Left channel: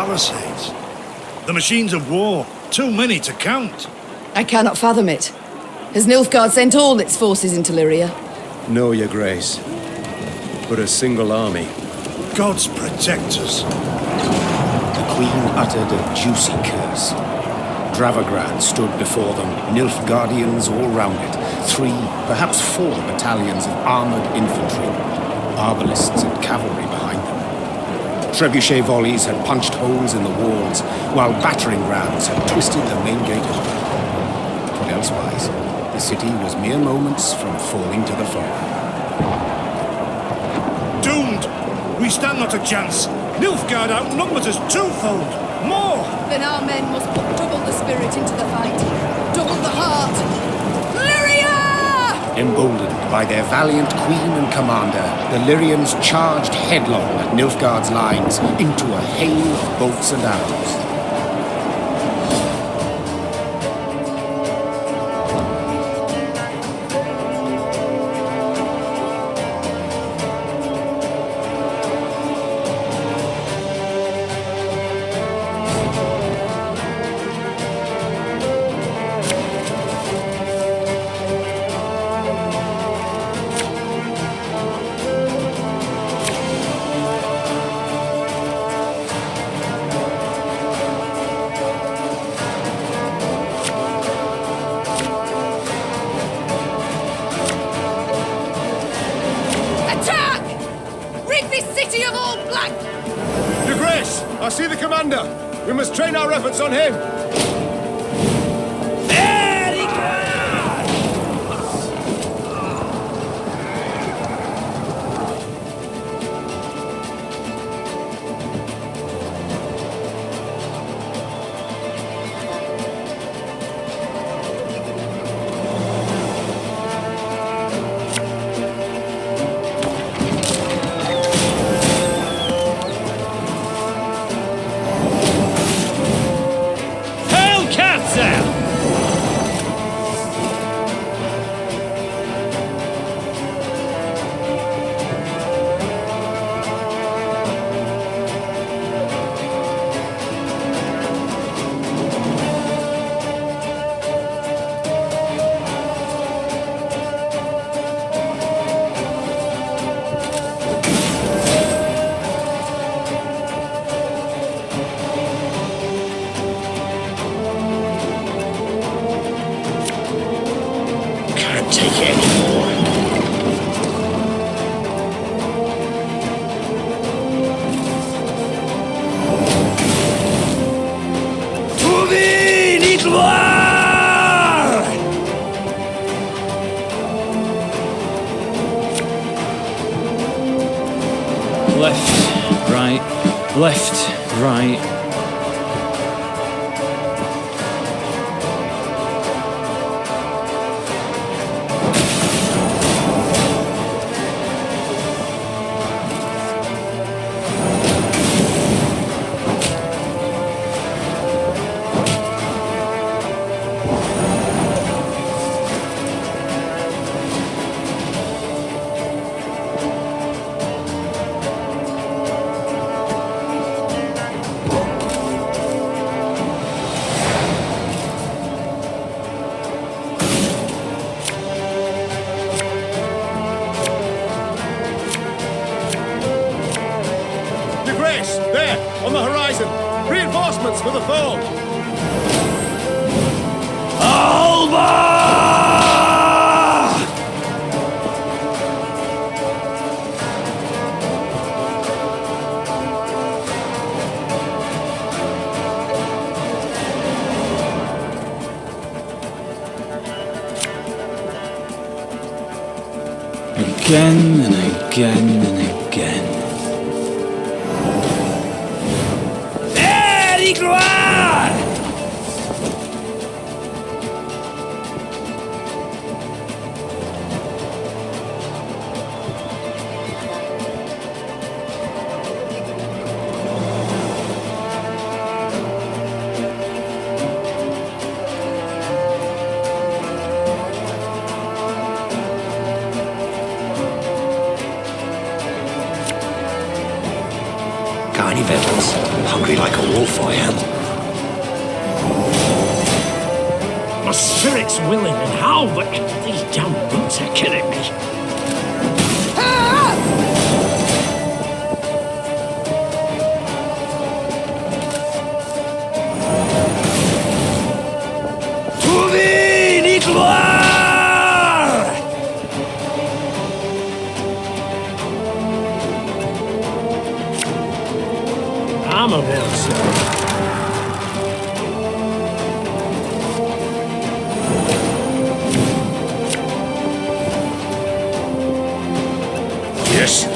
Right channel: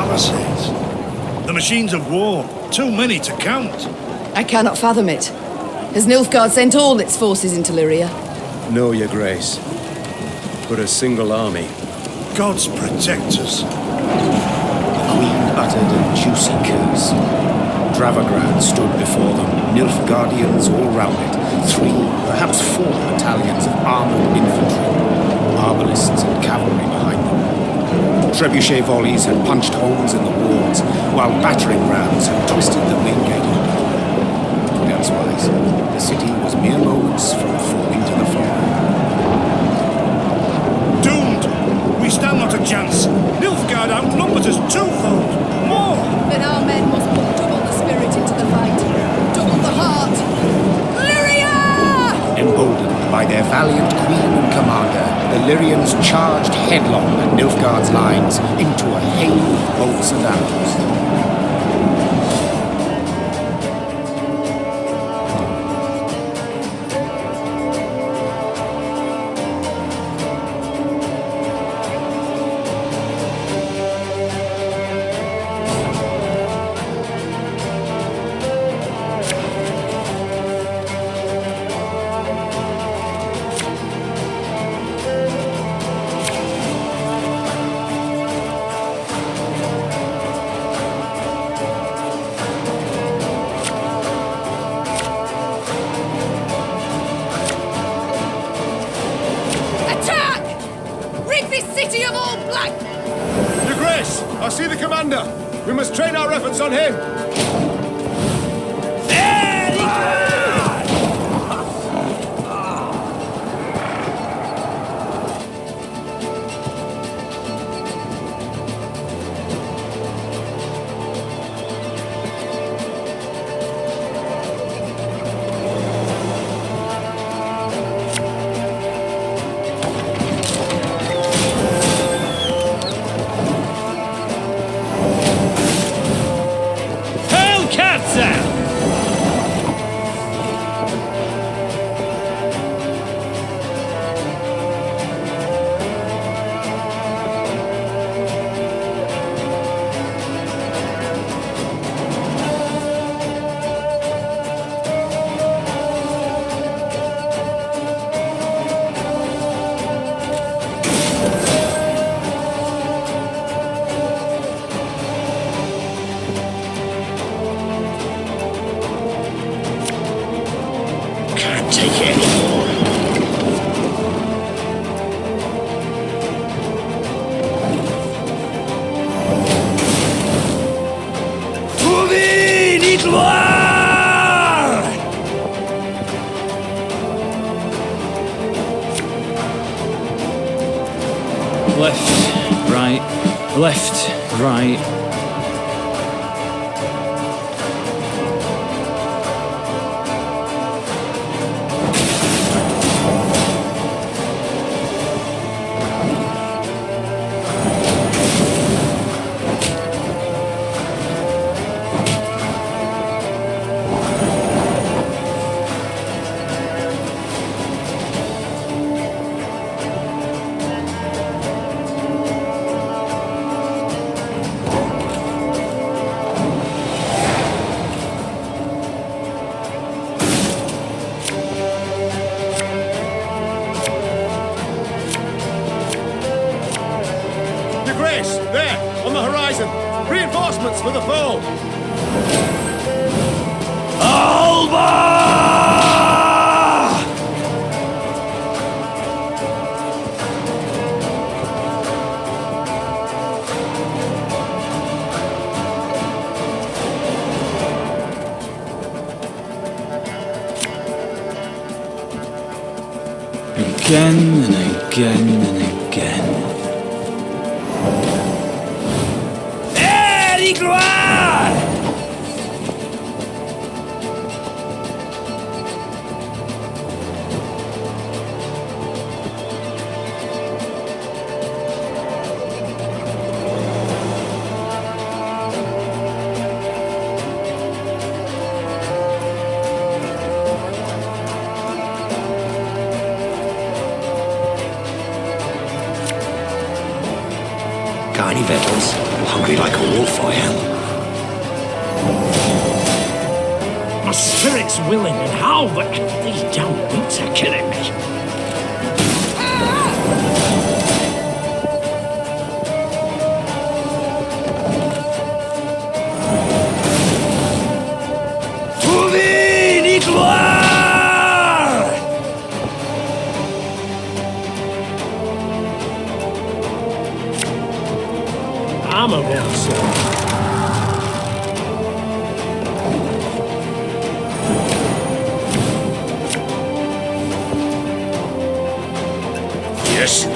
palisades. The machines of war, too many to count. I cannot fathom it. Has Nilfgaard sent all its forces into Lyria? No, your grace. But a single army. Gods protect us. The Queen uttered a juicy curse. Dravagrad stood before them, Nilfgaardians all round it, 3, perhaps 4 battalions of armored infantry, arbalists and cavalry behind them. Trebuchet volleys had punched holes in the walls, while battering rams had twisted the main gate open. But elsewise, the city was mere moments from falling to the foe. Doomed! We stand not a chance. Nilfgaard outnumbers us twofold. More! Then our men must put double the spirit into the fight. Double the heart. Lyria! Emboldened by their valiant queen and commander, the Lyrians charged headlong at Nilfgaard's lines into a hail of bolts and arrows. Attack! Rid this city of all black... Your grace, I see the commander. We must train our efforts on him. Very good! Katza! Take it anymore. Trouvé l'Étoile! Left, right, left, right. Your grace, there, on the horizon. Reinforcements for the foe. Alba! Again and again and again. Very gloire! tiny vessels, hungry like a wolf I am. My spirit's willing and how, but these damn boots are killing me. I'm a one, sir. Yes.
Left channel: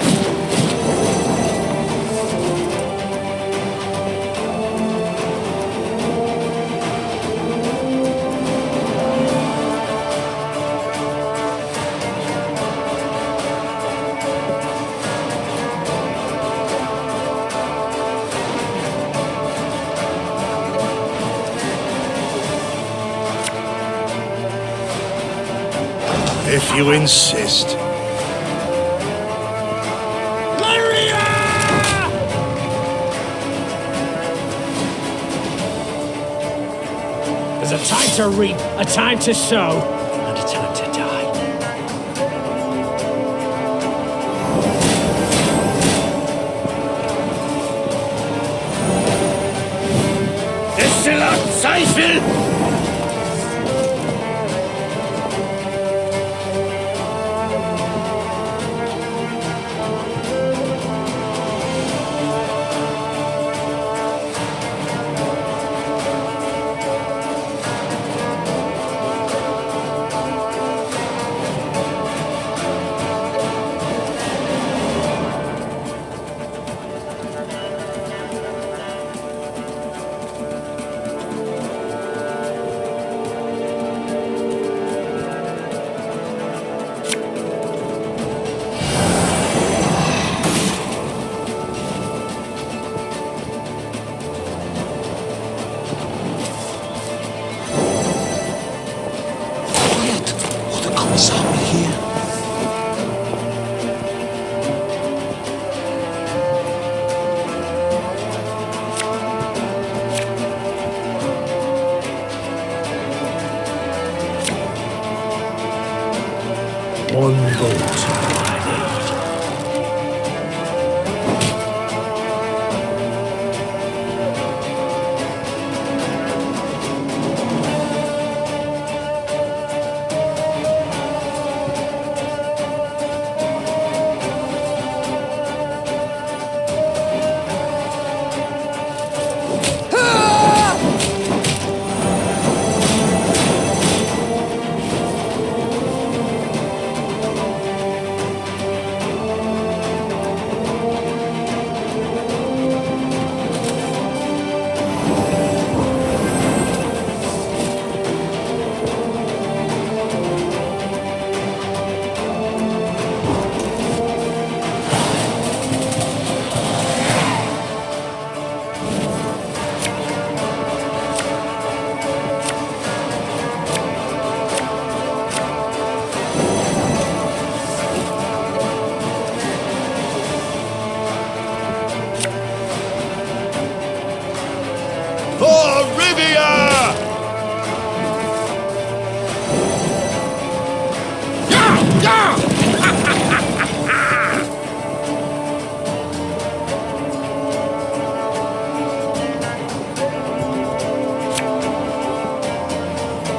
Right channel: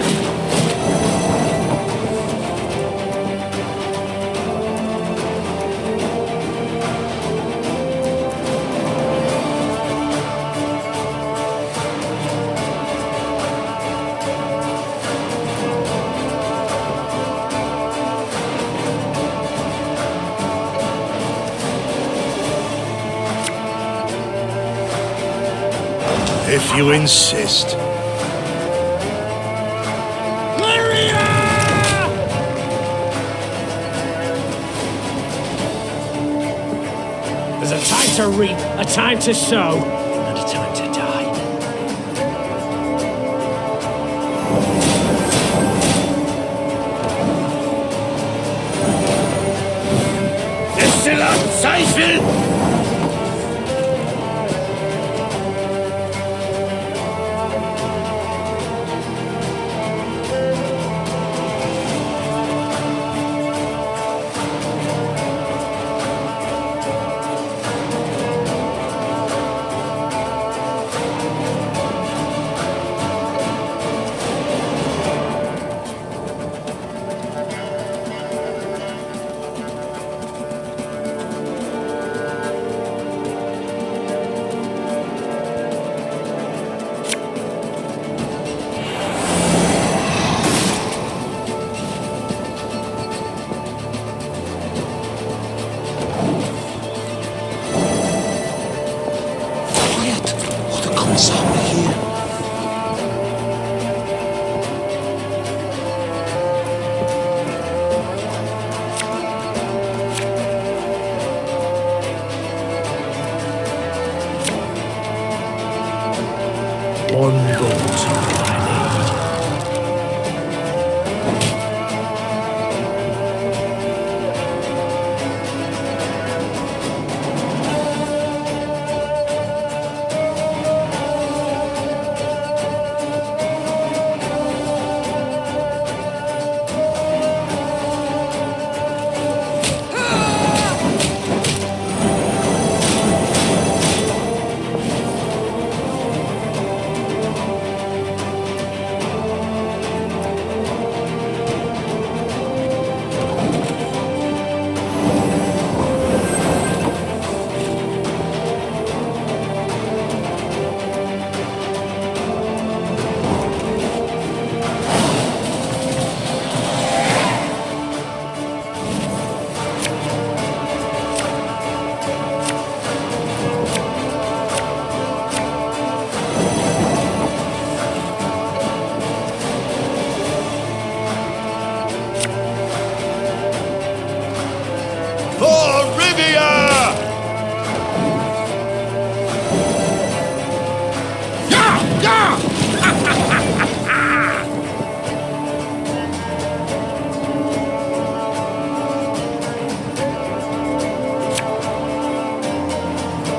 If you insist. There's a time to reap, a time to sow, and a time to die. Destillat Zweifel! Kommissar will hear. One bolt I need.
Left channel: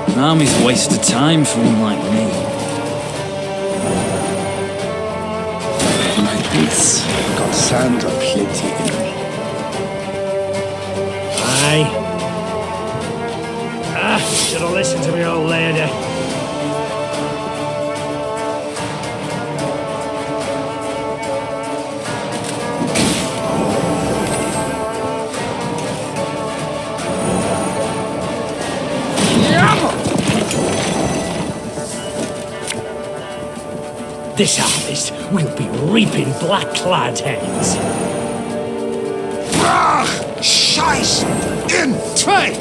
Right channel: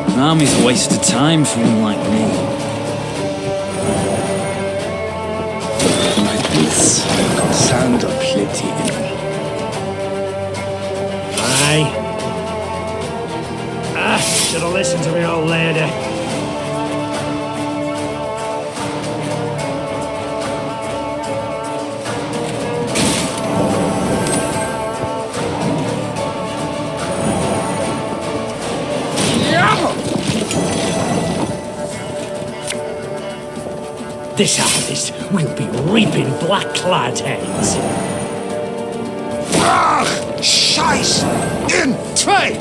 An army's a waste of time for one like me. My boots got sand aplenty in them. Aye. Should have listened to me old lady. This harvest, we'll be reaping black-clad heads. Scheiß in Trade!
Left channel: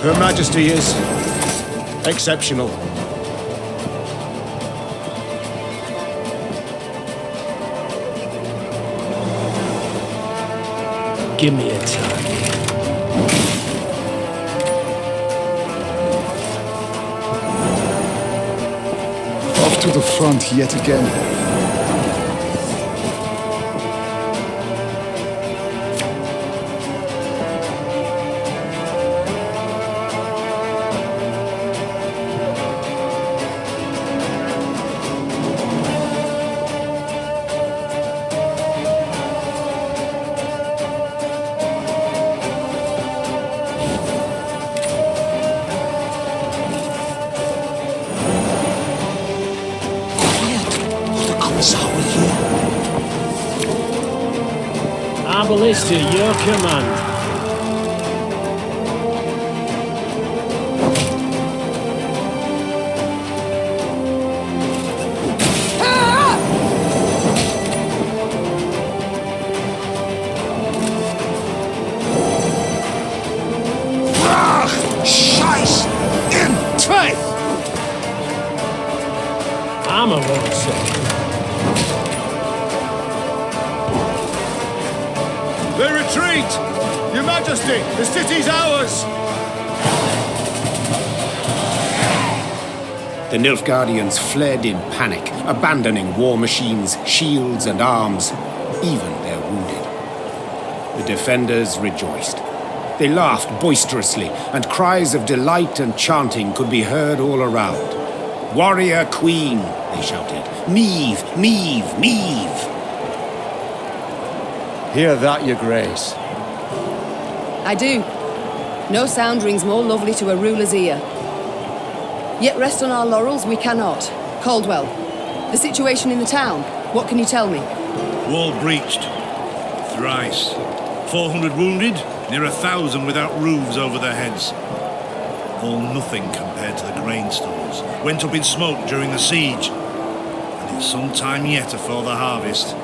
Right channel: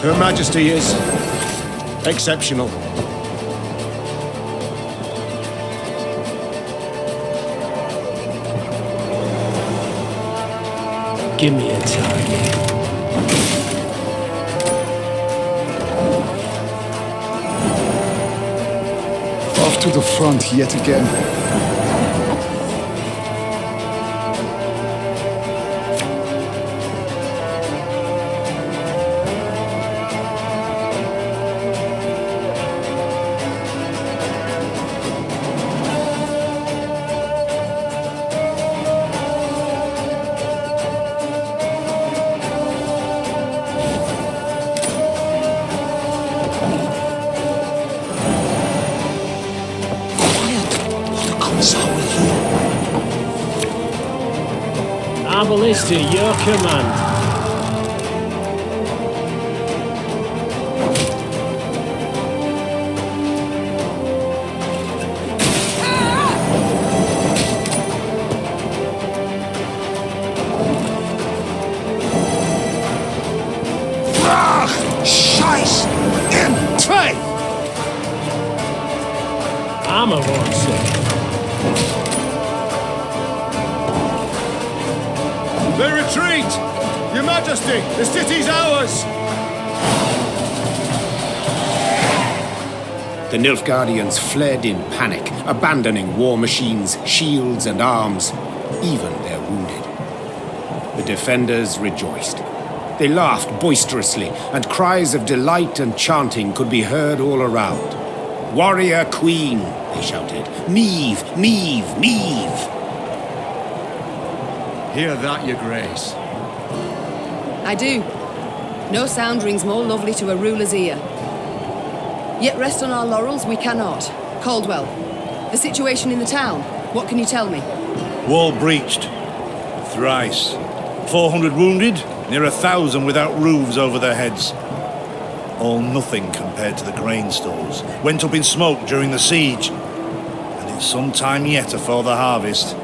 Her Majesty is exceptional. give me a target. Off to the front yet again. Our is to your command. Scheiß! In! Try! Armor won't save. They retreat! Your Majesty, the city's ours! The Nilfgaardians fled in panic, abandoning war machines, shields, and arms, even their wounded. The defenders rejoiced. They laughed boisterously, and cries of delight and chanting could be heard all around. "Warrior Queen," they shouted. "Meave, Meave, Meave!" Hear that, Your Grace. I do. No sound rings more lovely to a ruler's ear. Yet rest on our laurels we cannot. Caldwell, the situation in the town, what can you tell me? Wall breached. Thrice. 400 wounded, near 1,000 without roofs over their heads. All nothing compared to the grain stores. Went up in smoke during the siege. And it's some time yet afore the harvest.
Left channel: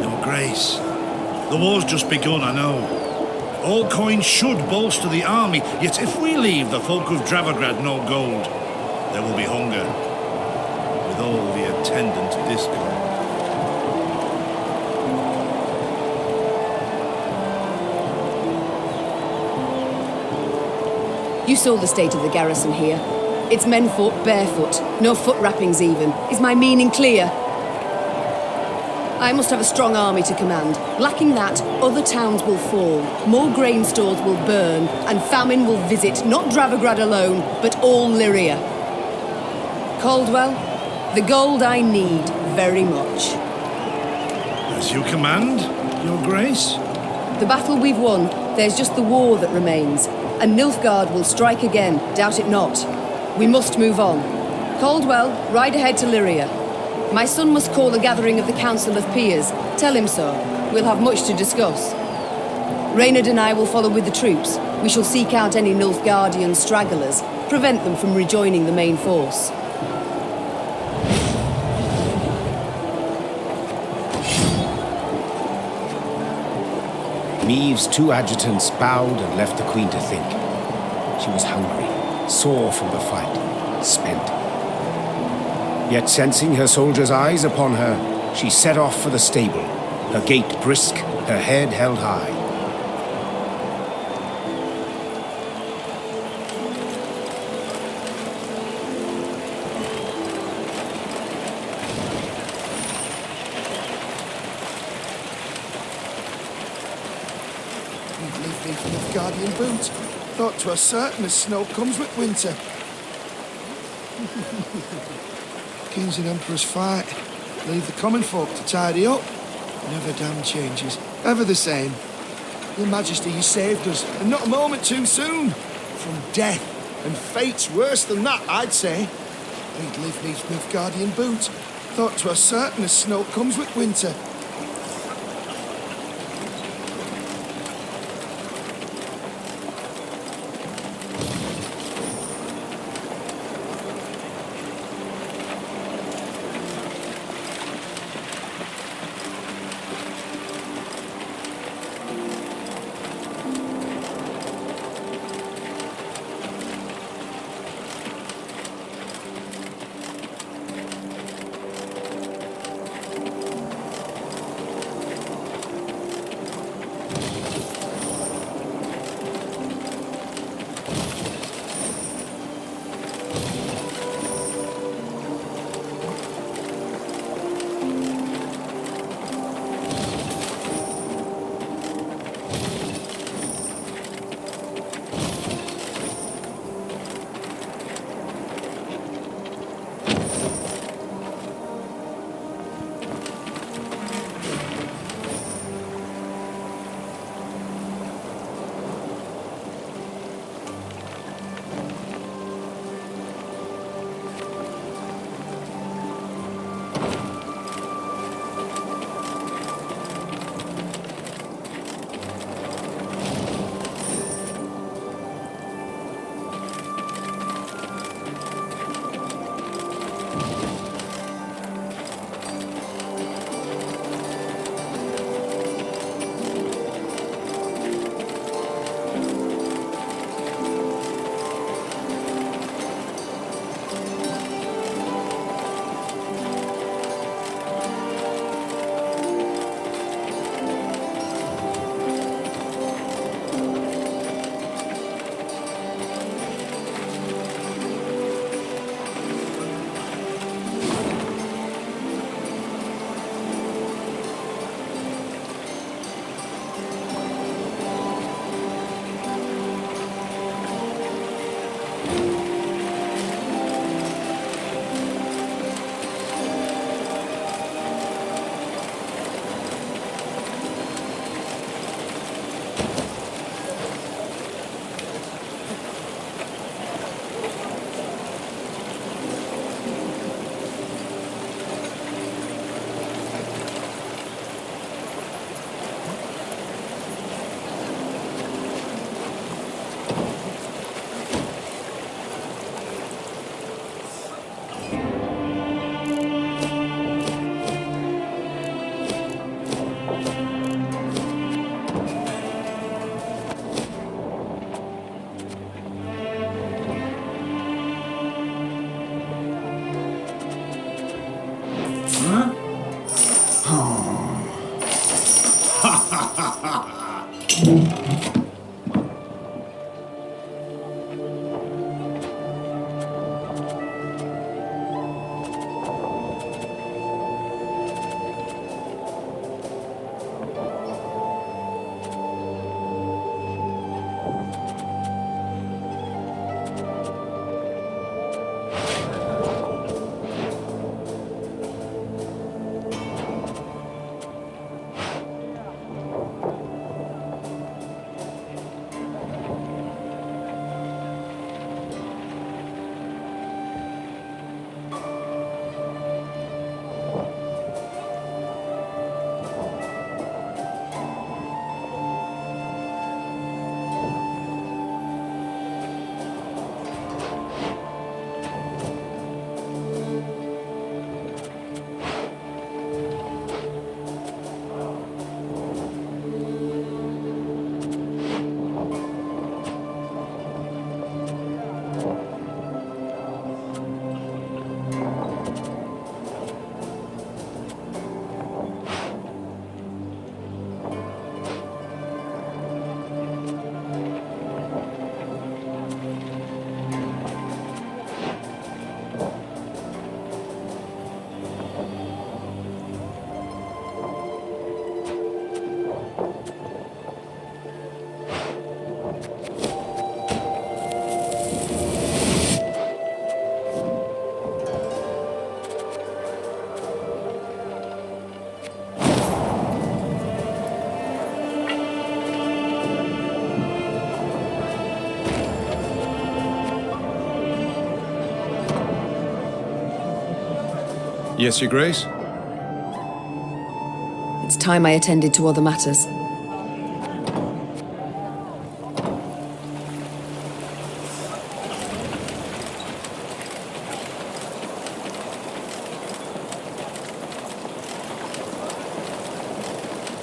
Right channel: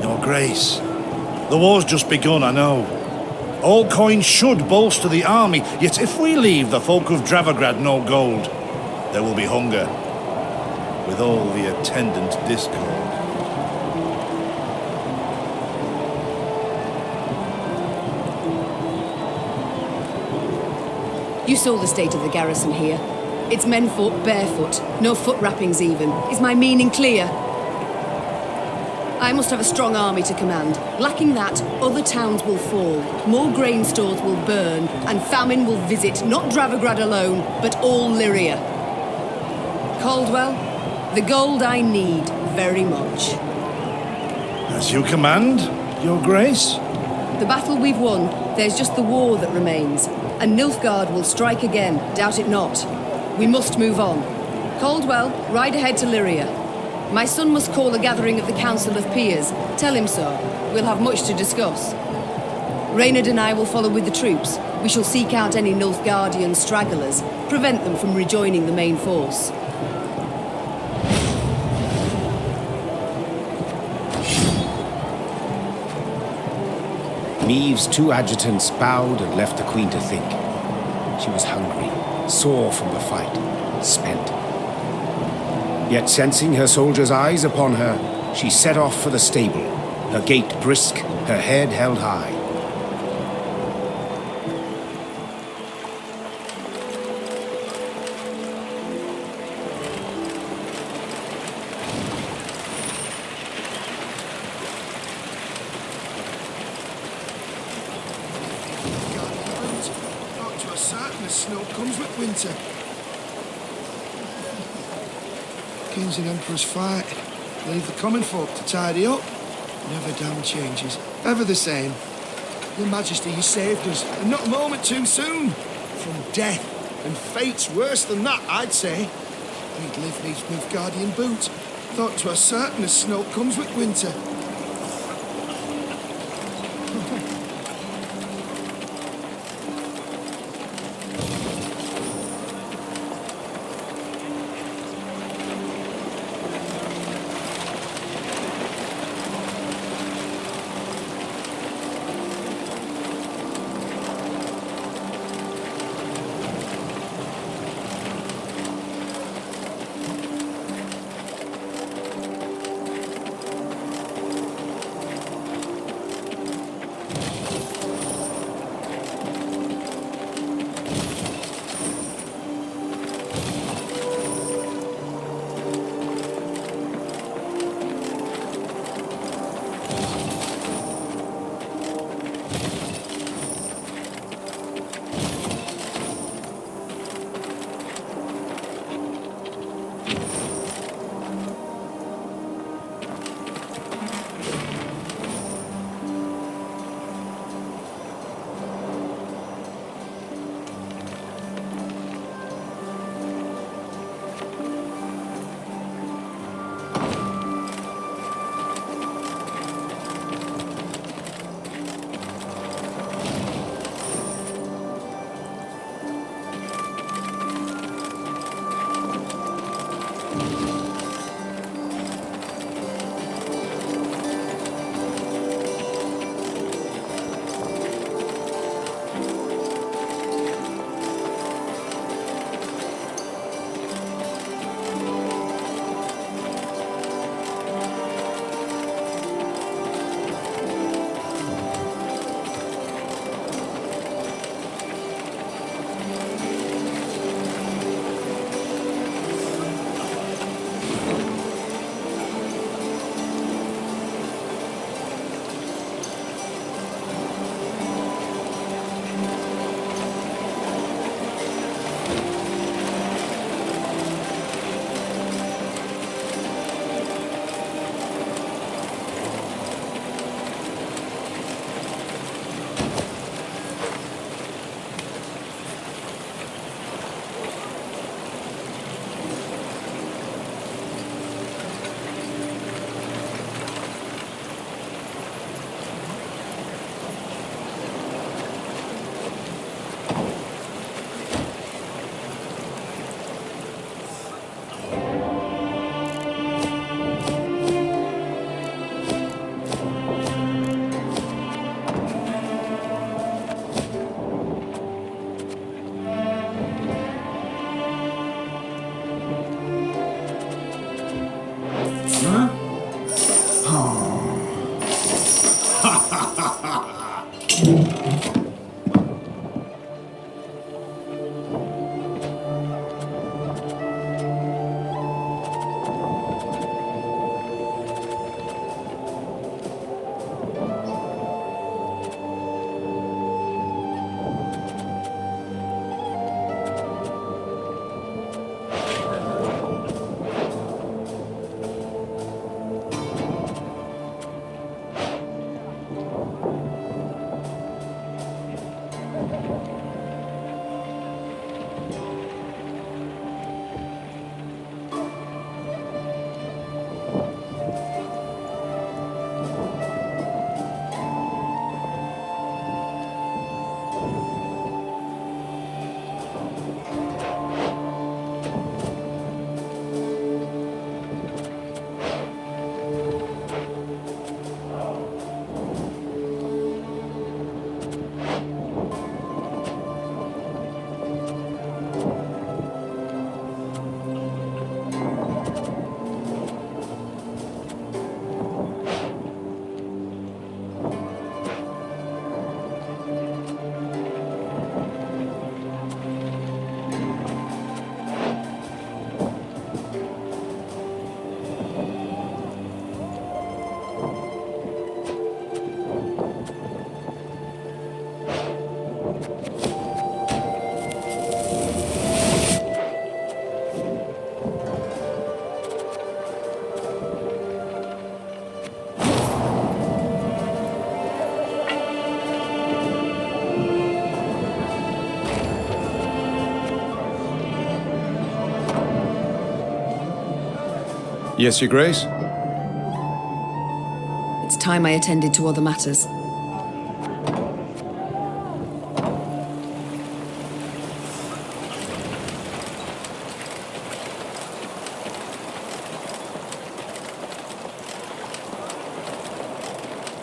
Your Grace, the war's just begun, I know. All coin should bolster the army, yet if we leave the folk of Dravograd no gold, there will be hunger, with all the attendant discord. You saw the state of the garrison here. Its men fought barefoot, no foot wrappings even. Is my meaning clear? I must have a strong army to command. Lacking that, other towns will fall, more grain stores will burn, and famine will visit not Dravograd alone, but all Lyria. Caldwell, the gold I need very much. As you command, Your Grace. The battle we've won, there's just the war that remains, and Nilfgaard will strike again, doubt it not. We must move on. Caldwell, ride ahead to Lyria. My son must call a gathering of the Council of Peers. Tell him so. We'll have much to discuss. Reynard and I will follow with the troops. We shall seek out any Nilfgaardian stragglers, prevent them from rejoining the main force. Meave's two adjutants bowed and left the Queen to think. She was hungry, sore from the fight, spent. Yet sensing her soldiers' eyes upon her, she set off for the stable, her gait brisk, her head held high. Nilfgaardian boot. Thought 'twas certain as snow comes with winter. Kings and emperors fight. Leave the common folk to tidy up. Never damn changes. Ever the same. Your Majesty, you saved us, and not a moment too soon. From death, and fates worse than that, I'd say. We'd live neath Nilfgaardian boot. Thought 'twas certain as snow comes with winter. Yes, Your Grace? It's time I attended to other matters.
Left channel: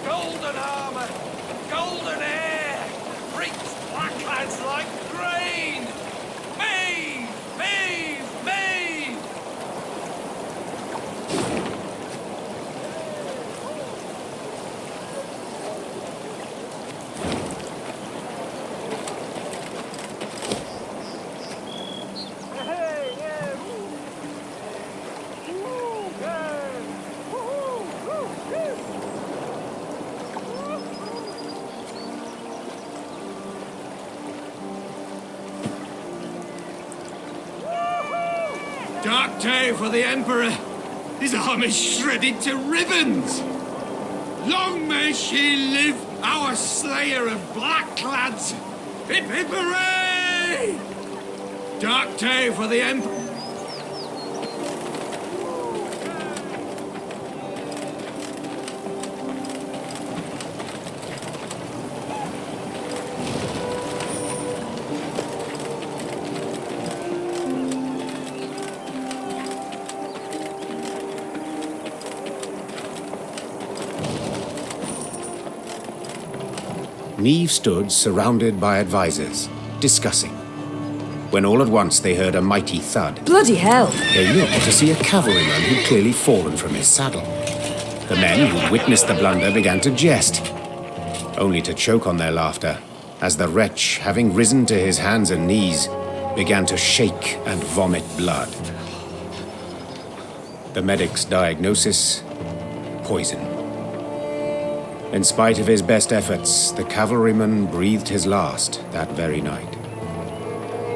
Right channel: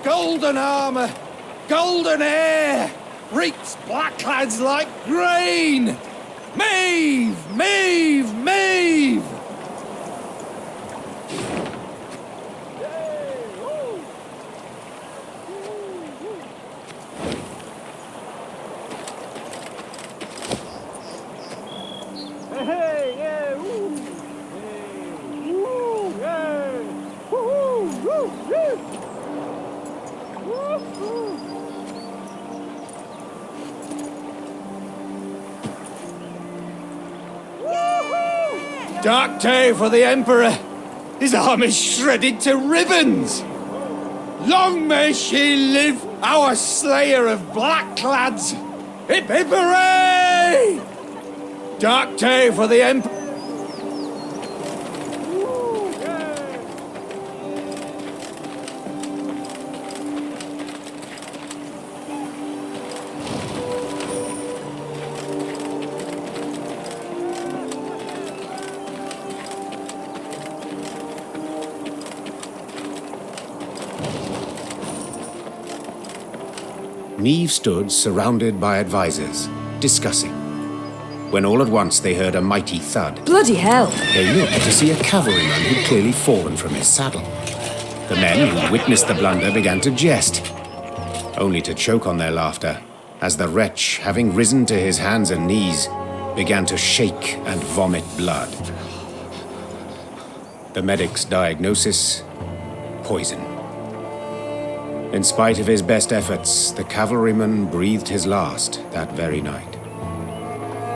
Golden armour, golden hair, reeks black lads like grain. Mave, mave, mave! Dark day for the Emperor. His arm is shredded to ribbons. Long may she live, our slayer of black lads. Hip hip hooray! Dark day for the Emperor. Neve stood surrounded by advisors, discussing, when all at once they heard a mighty thud. Bloody hell! They looked to see a cavalryman who'd clearly fallen from his saddle. The men who witnessed the blunder began to jest, only to choke on their laughter, as the wretch, having risen to his hands and knees, began to shake and vomit blood. The medic's diagnosis: poison. In spite of his best efforts, the cavalryman breathed his last that very night.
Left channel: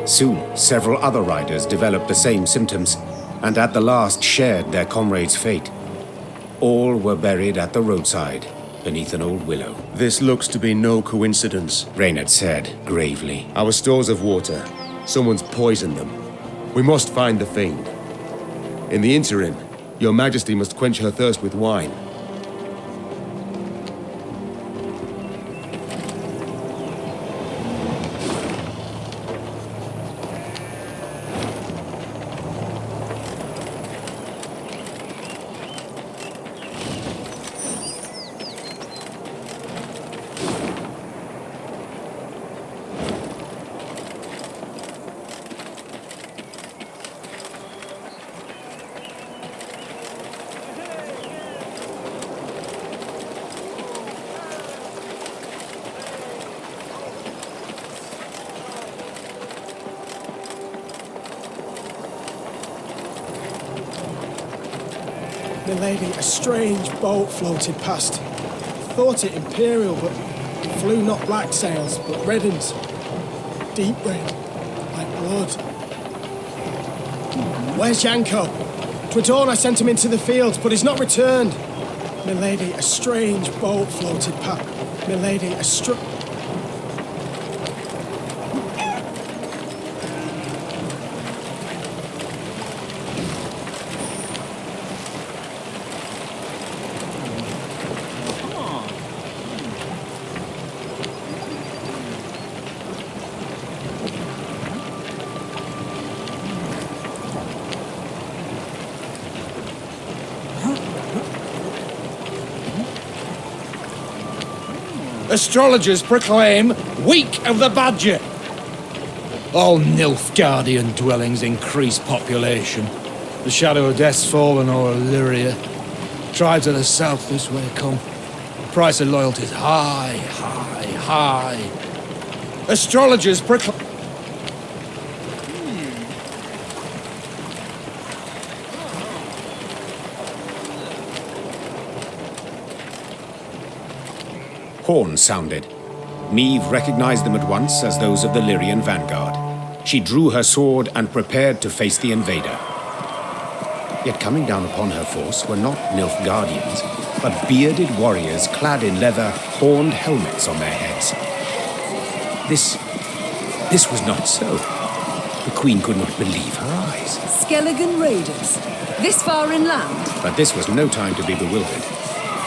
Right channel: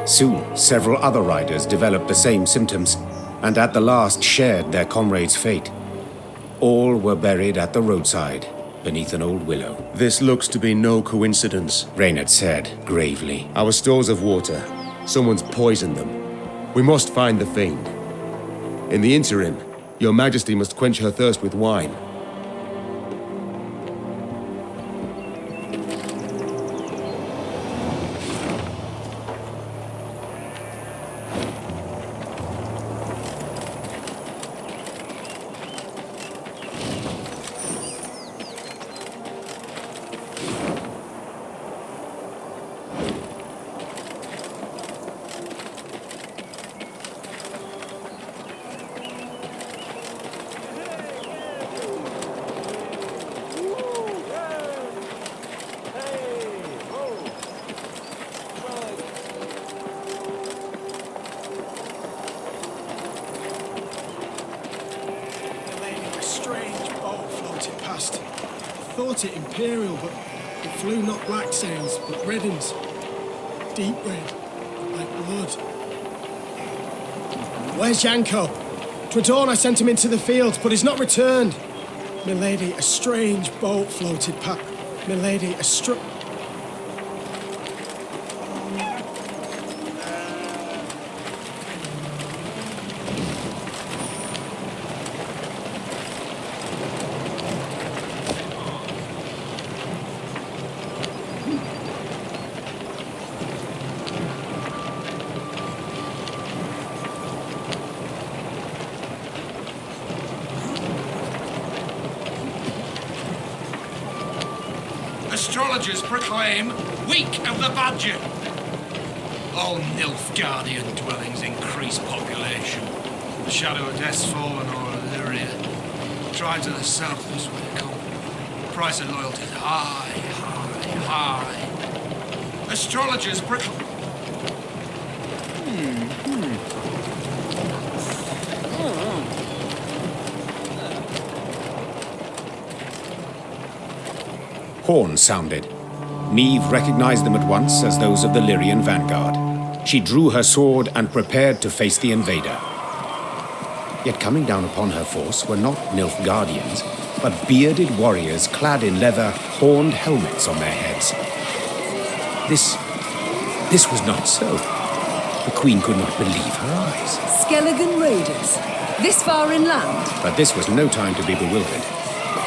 Soon, several other riders developed the same symptoms, and at the last shared their comrade's fate. All were buried at the roadside, beneath an old willow. This looks to be no coincidence, Reynard said, gravely. Our stores of water. Someone's poisoned them. We must find the fiend. In the interim, Your Majesty must quench her thirst with wine. Milady, a strange boat floated past. Thought it imperial, but it flew not black sails, but red uns. Deep red, like blood. Where's Yanko? 'Twere dawn I sent him into the fields, but he's not returned. Milady, a strange boat floated past. Milady, a Astrologers proclaim Week of the Badger. All Nilfgaardian dwellings increase population. The shadow of death's fallen o'er Illyria. Tribes of the south this way come. Price of loyalty's high, high, high. Astrologers proclaim... Horns sounded. Niamh recognized them at once as those of the Lyrian vanguard. She drew her sword and prepared to face the invader. Yet coming down upon her force were not Nilfgaardians, but bearded warriors clad in leather, horned helmets on their heads. This was not so. The Queen could not believe her eyes. Skelligan raiders? This far inland? But this was no time to be bewildered.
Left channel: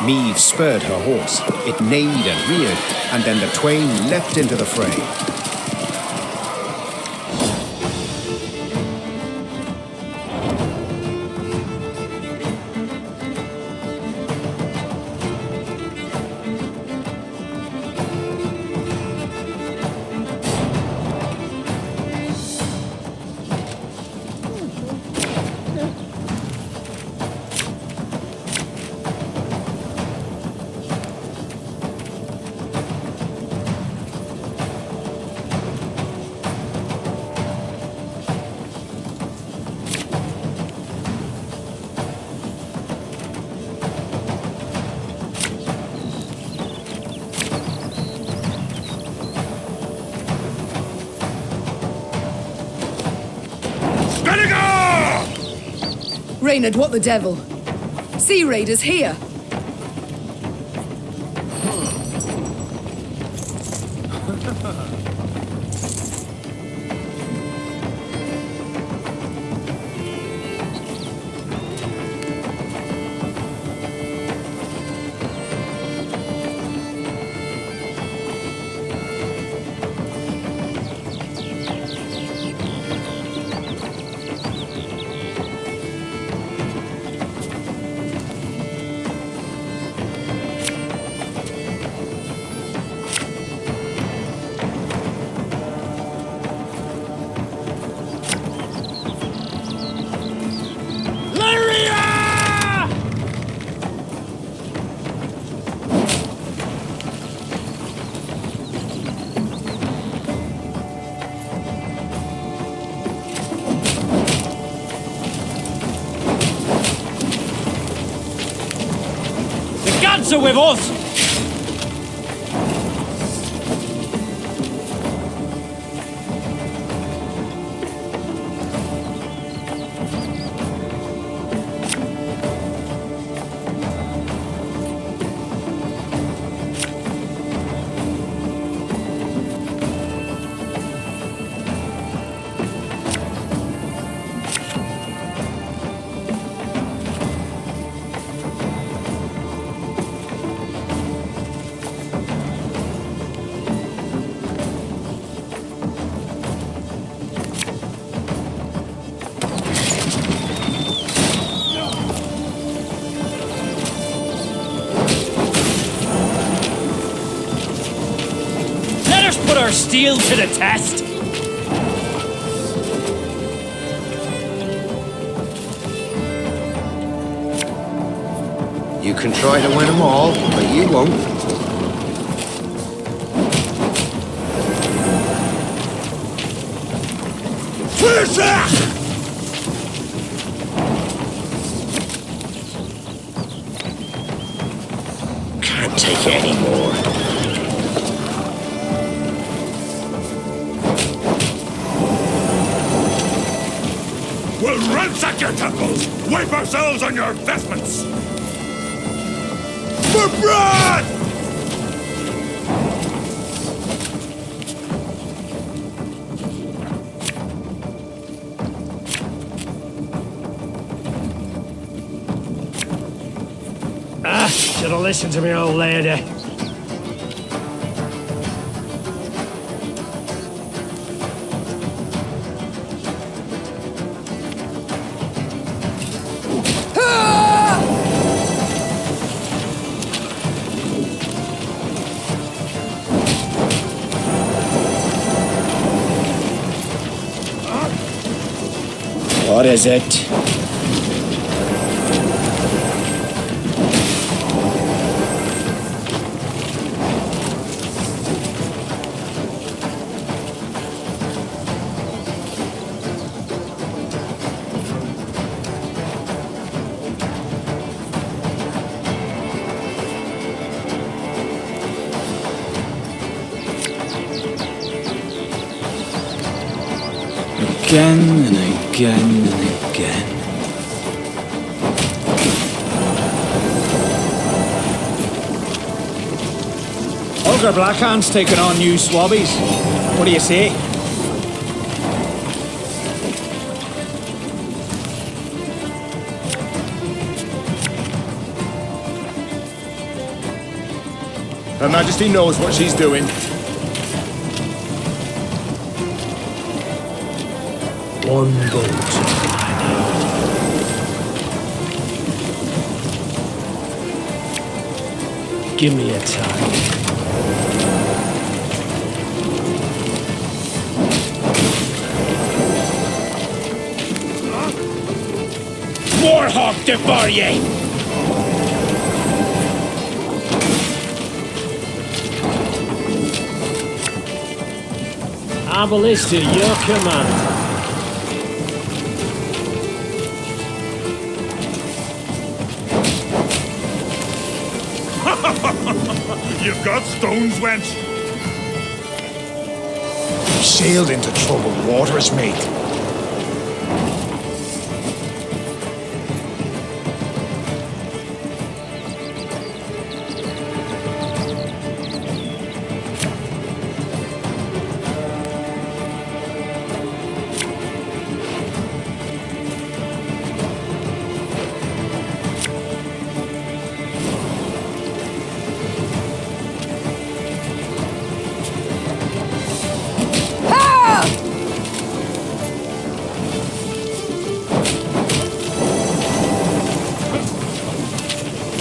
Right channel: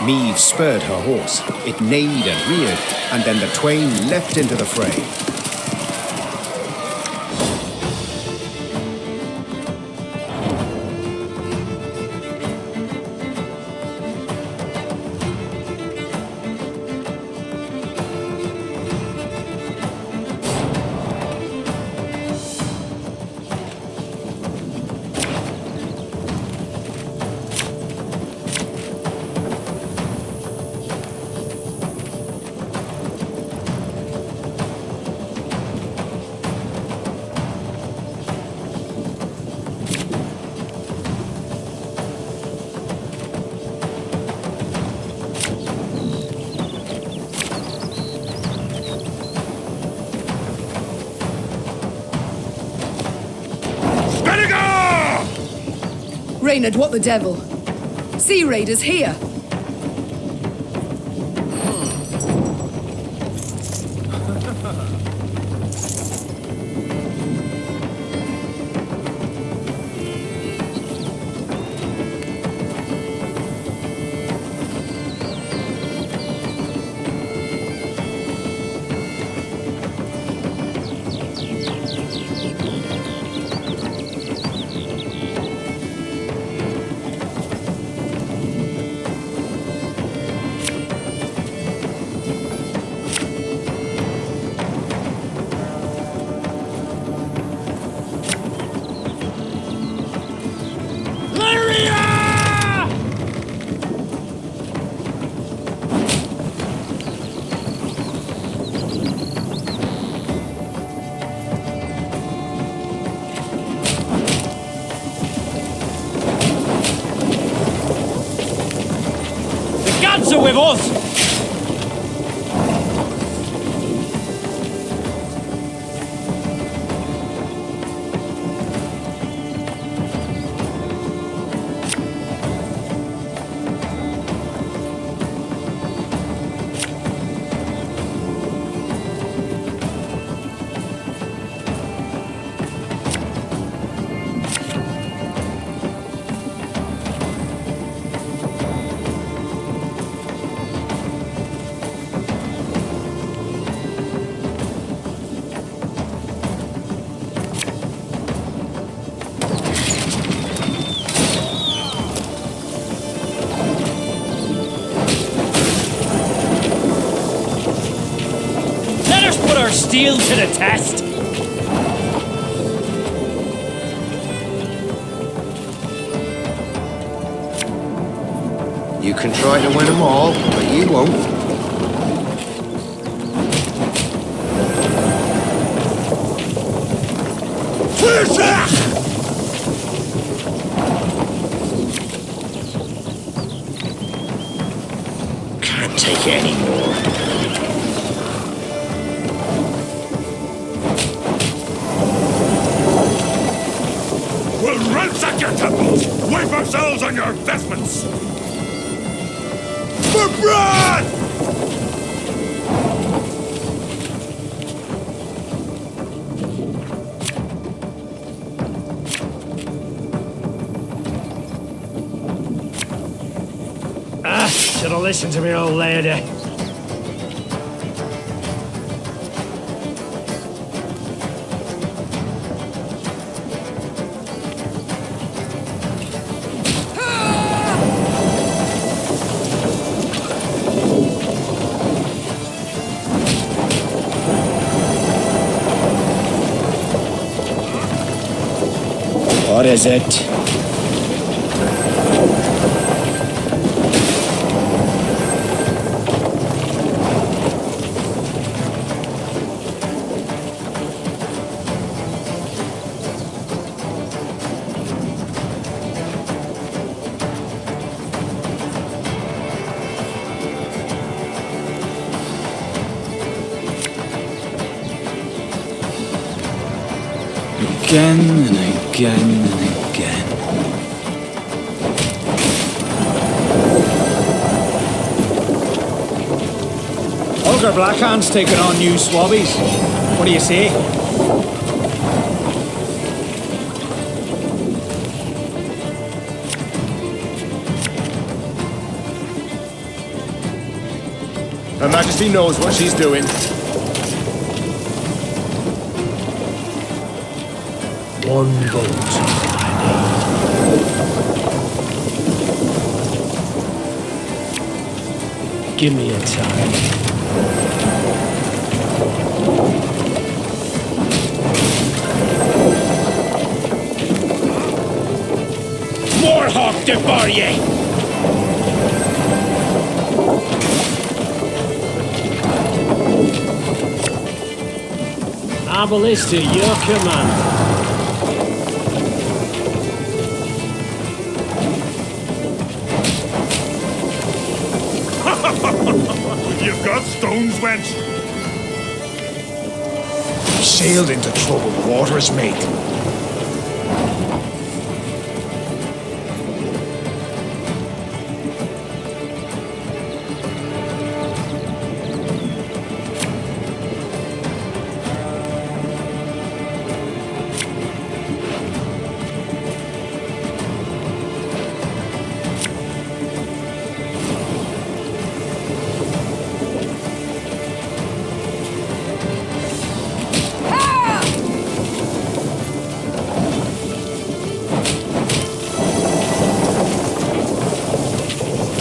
Niamh spurred her horse. It neighed and reared, and then the twain leapt into the fray. Reynard, what the devil? Sea raiders here! Are with us! Put our steel to the test! You can try to win them all, but you won't. can't take it anymore. We'll ransack your temples! Wipe ourselves on your vestments! For bread! Should have listened to me old lady. What is it? Again and again and again. Olga Blackhand's taken on new swabbies. What do you say? Her Majesty knows what she's doing. One bolt I need. Give me a time. Warhawk devour ye! Our ballista, your command. You've got stones, wench. Sailed into troubled waters, mate.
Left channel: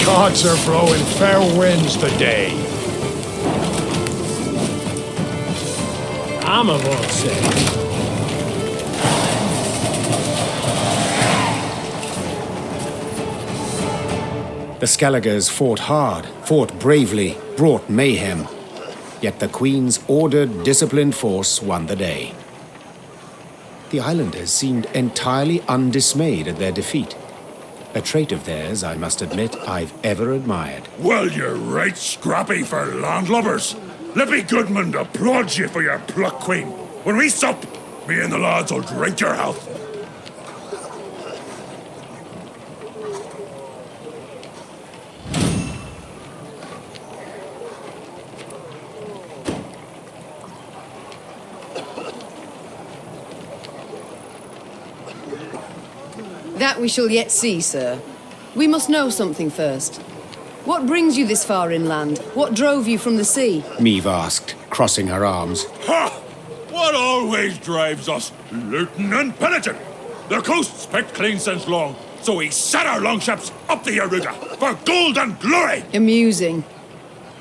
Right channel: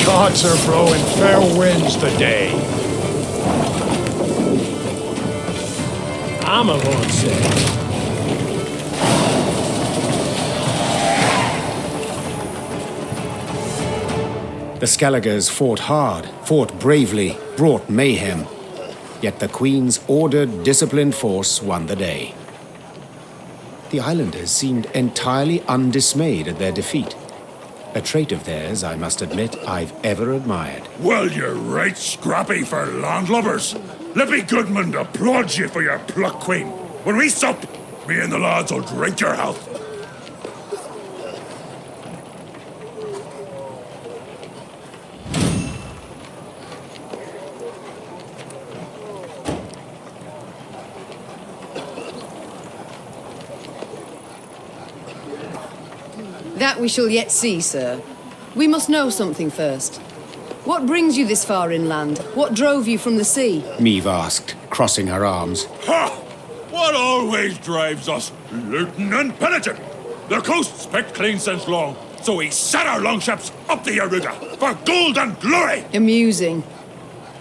Gods are blowing fair winds today. Armor won't say. The Skelligers fought hard, fought bravely, brought mayhem. Yet the Queen's ordered, disciplined force won the day. The islanders seemed entirely undismayed at their defeat. A trait of theirs, I must admit, I've ever admired. Well, you're right scrappy for landlubbers. Lippy Gudmund applauds you for your pluck, Queen. When we sup, me and the lads will drink your health. That we shall yet see, sir. We must know something first. What brings you this far inland? What drove you from the sea? Meve asked, crossing her arms. Ha! What always drives us? Looting and pillaging. The coast's picked clean since long, so we set our longships up the Yaruga for gold and glory! Amusing.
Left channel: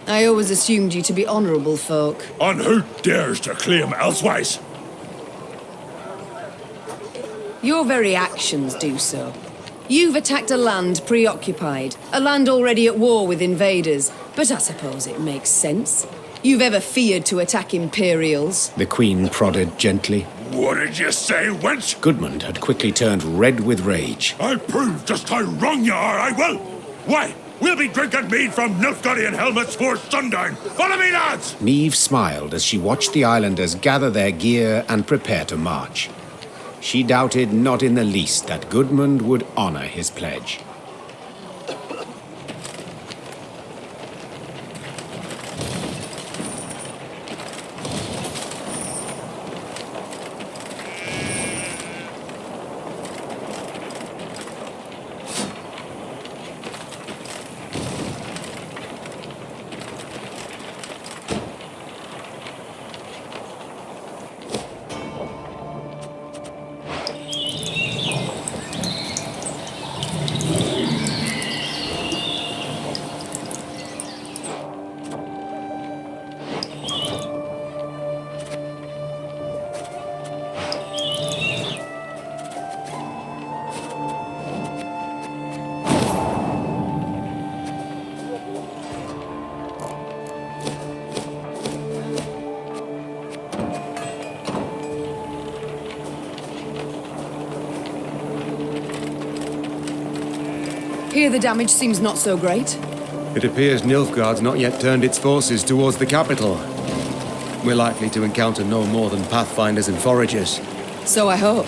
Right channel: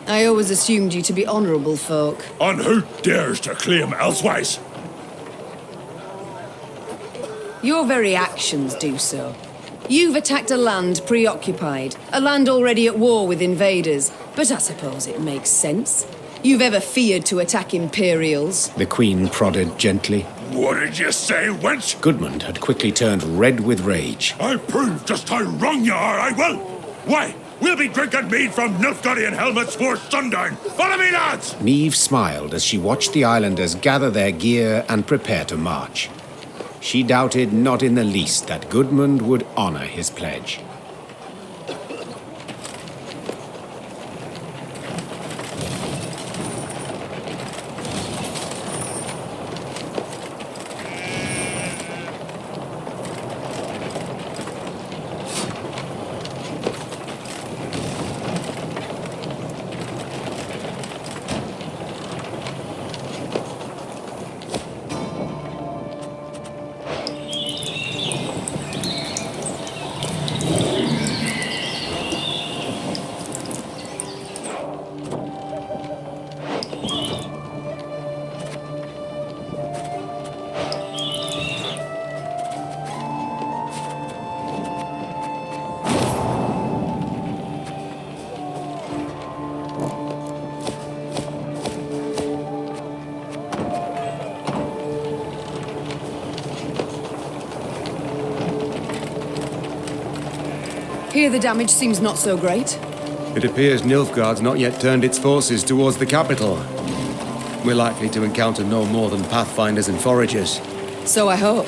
I always assumed you to be honourable folk. And who dares to claim elsewise? Your very actions do so. You've attacked a land preoccupied, a land already at war with invaders, but I suppose it makes sense. You've ever feared to attack Imperials? The Queen prodded gently. What did you say, wench? Gudmund had quickly turned red with rage. I'll prove just how wrong you are, I will! Why? We'll be drinking mead from Nilfgaardian helmets for sundown. Follow me, lads! Neve smiled as she watched the islanders gather their gear and prepare to march. She doubted not in the least that Gudmund would honor his pledge. Here the damage seems not so great. It appears Nilfgaard's not yet turned its forces towards the capital. We're likely to encounter no more than pathfinders and foragers. So I hope.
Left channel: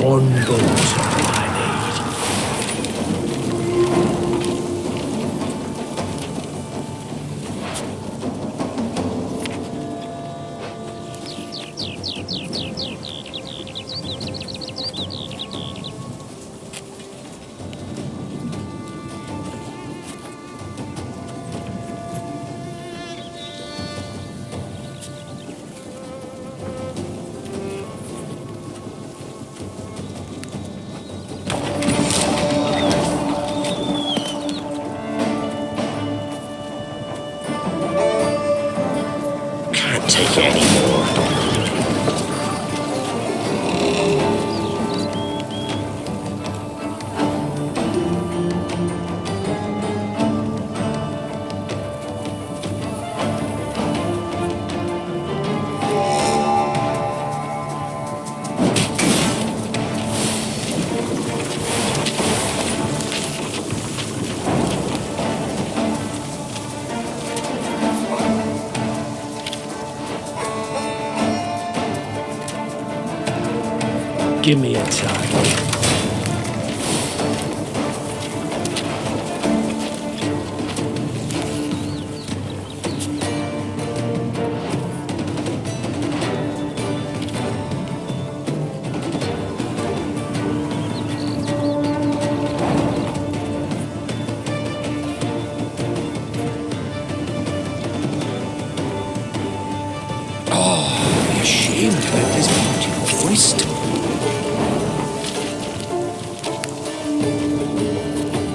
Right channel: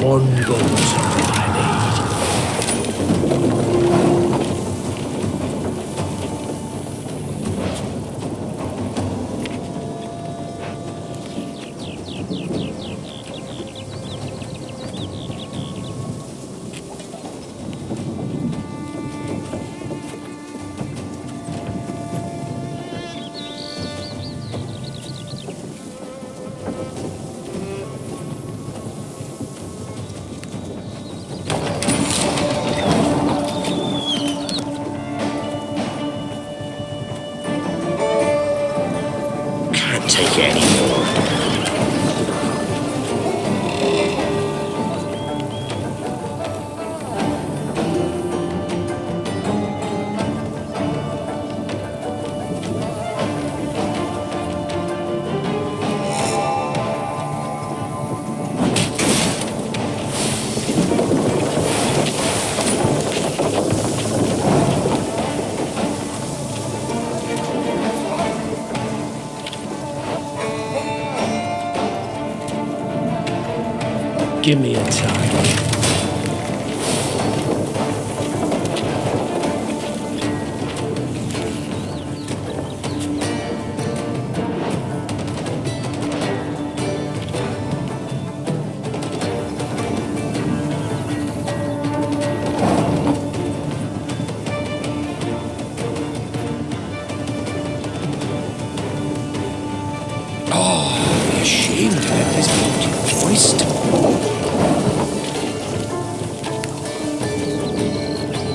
One boat I need. Can't take it anymore. Give me a target. Oh, be ashamed to let this beauty go to waste.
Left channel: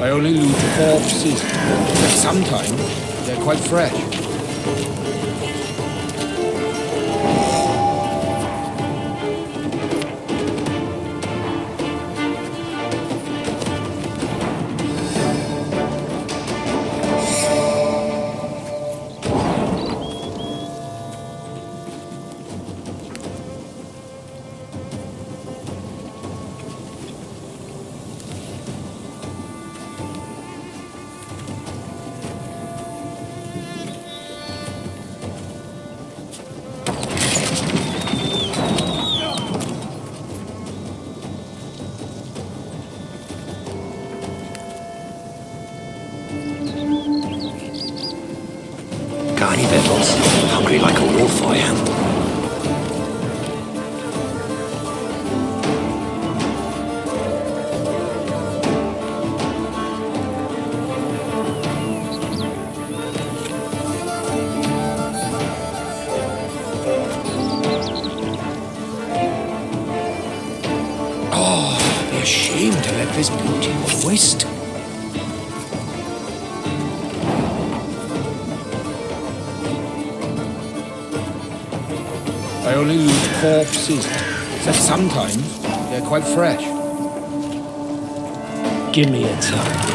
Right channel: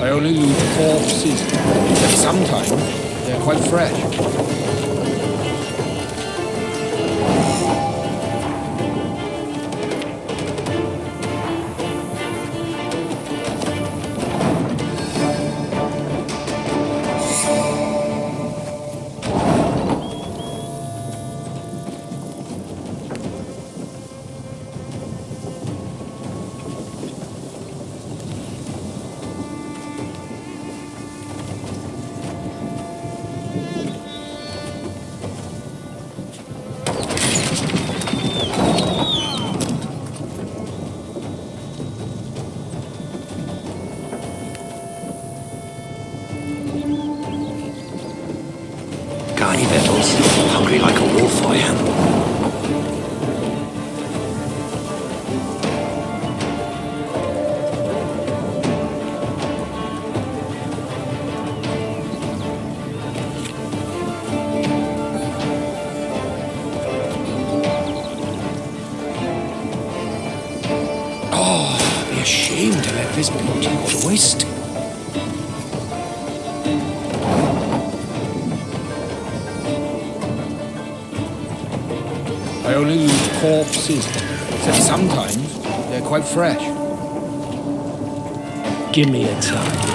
I only loot corpses, but sometimes they're quite fresh. a shame to let this beauty go to waste. I only loot corpses, except sometimes they're quite fresh. Give me a target.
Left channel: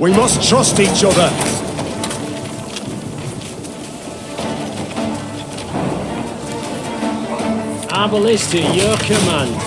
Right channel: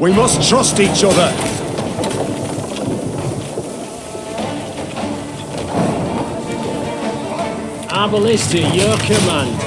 We must trust each other. Our ballista, your command.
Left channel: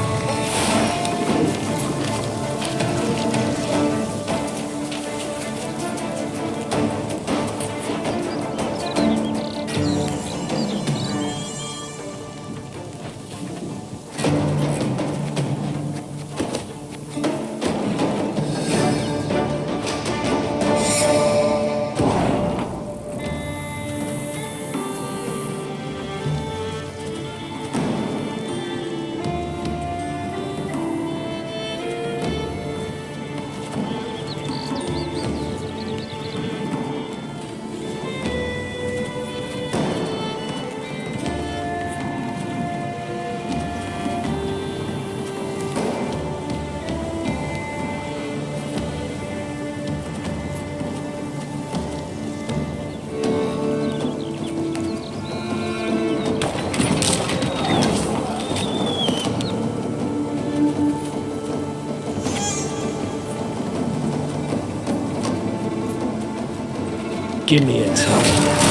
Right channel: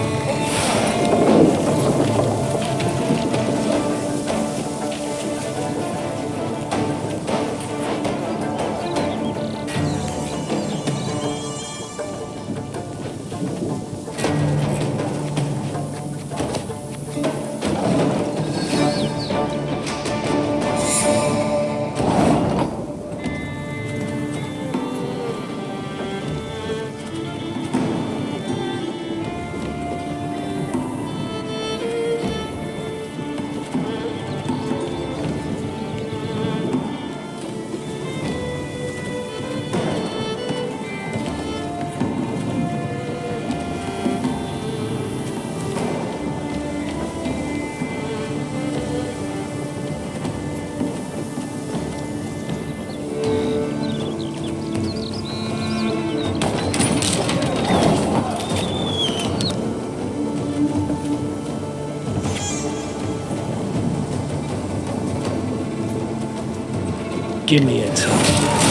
Give me a target.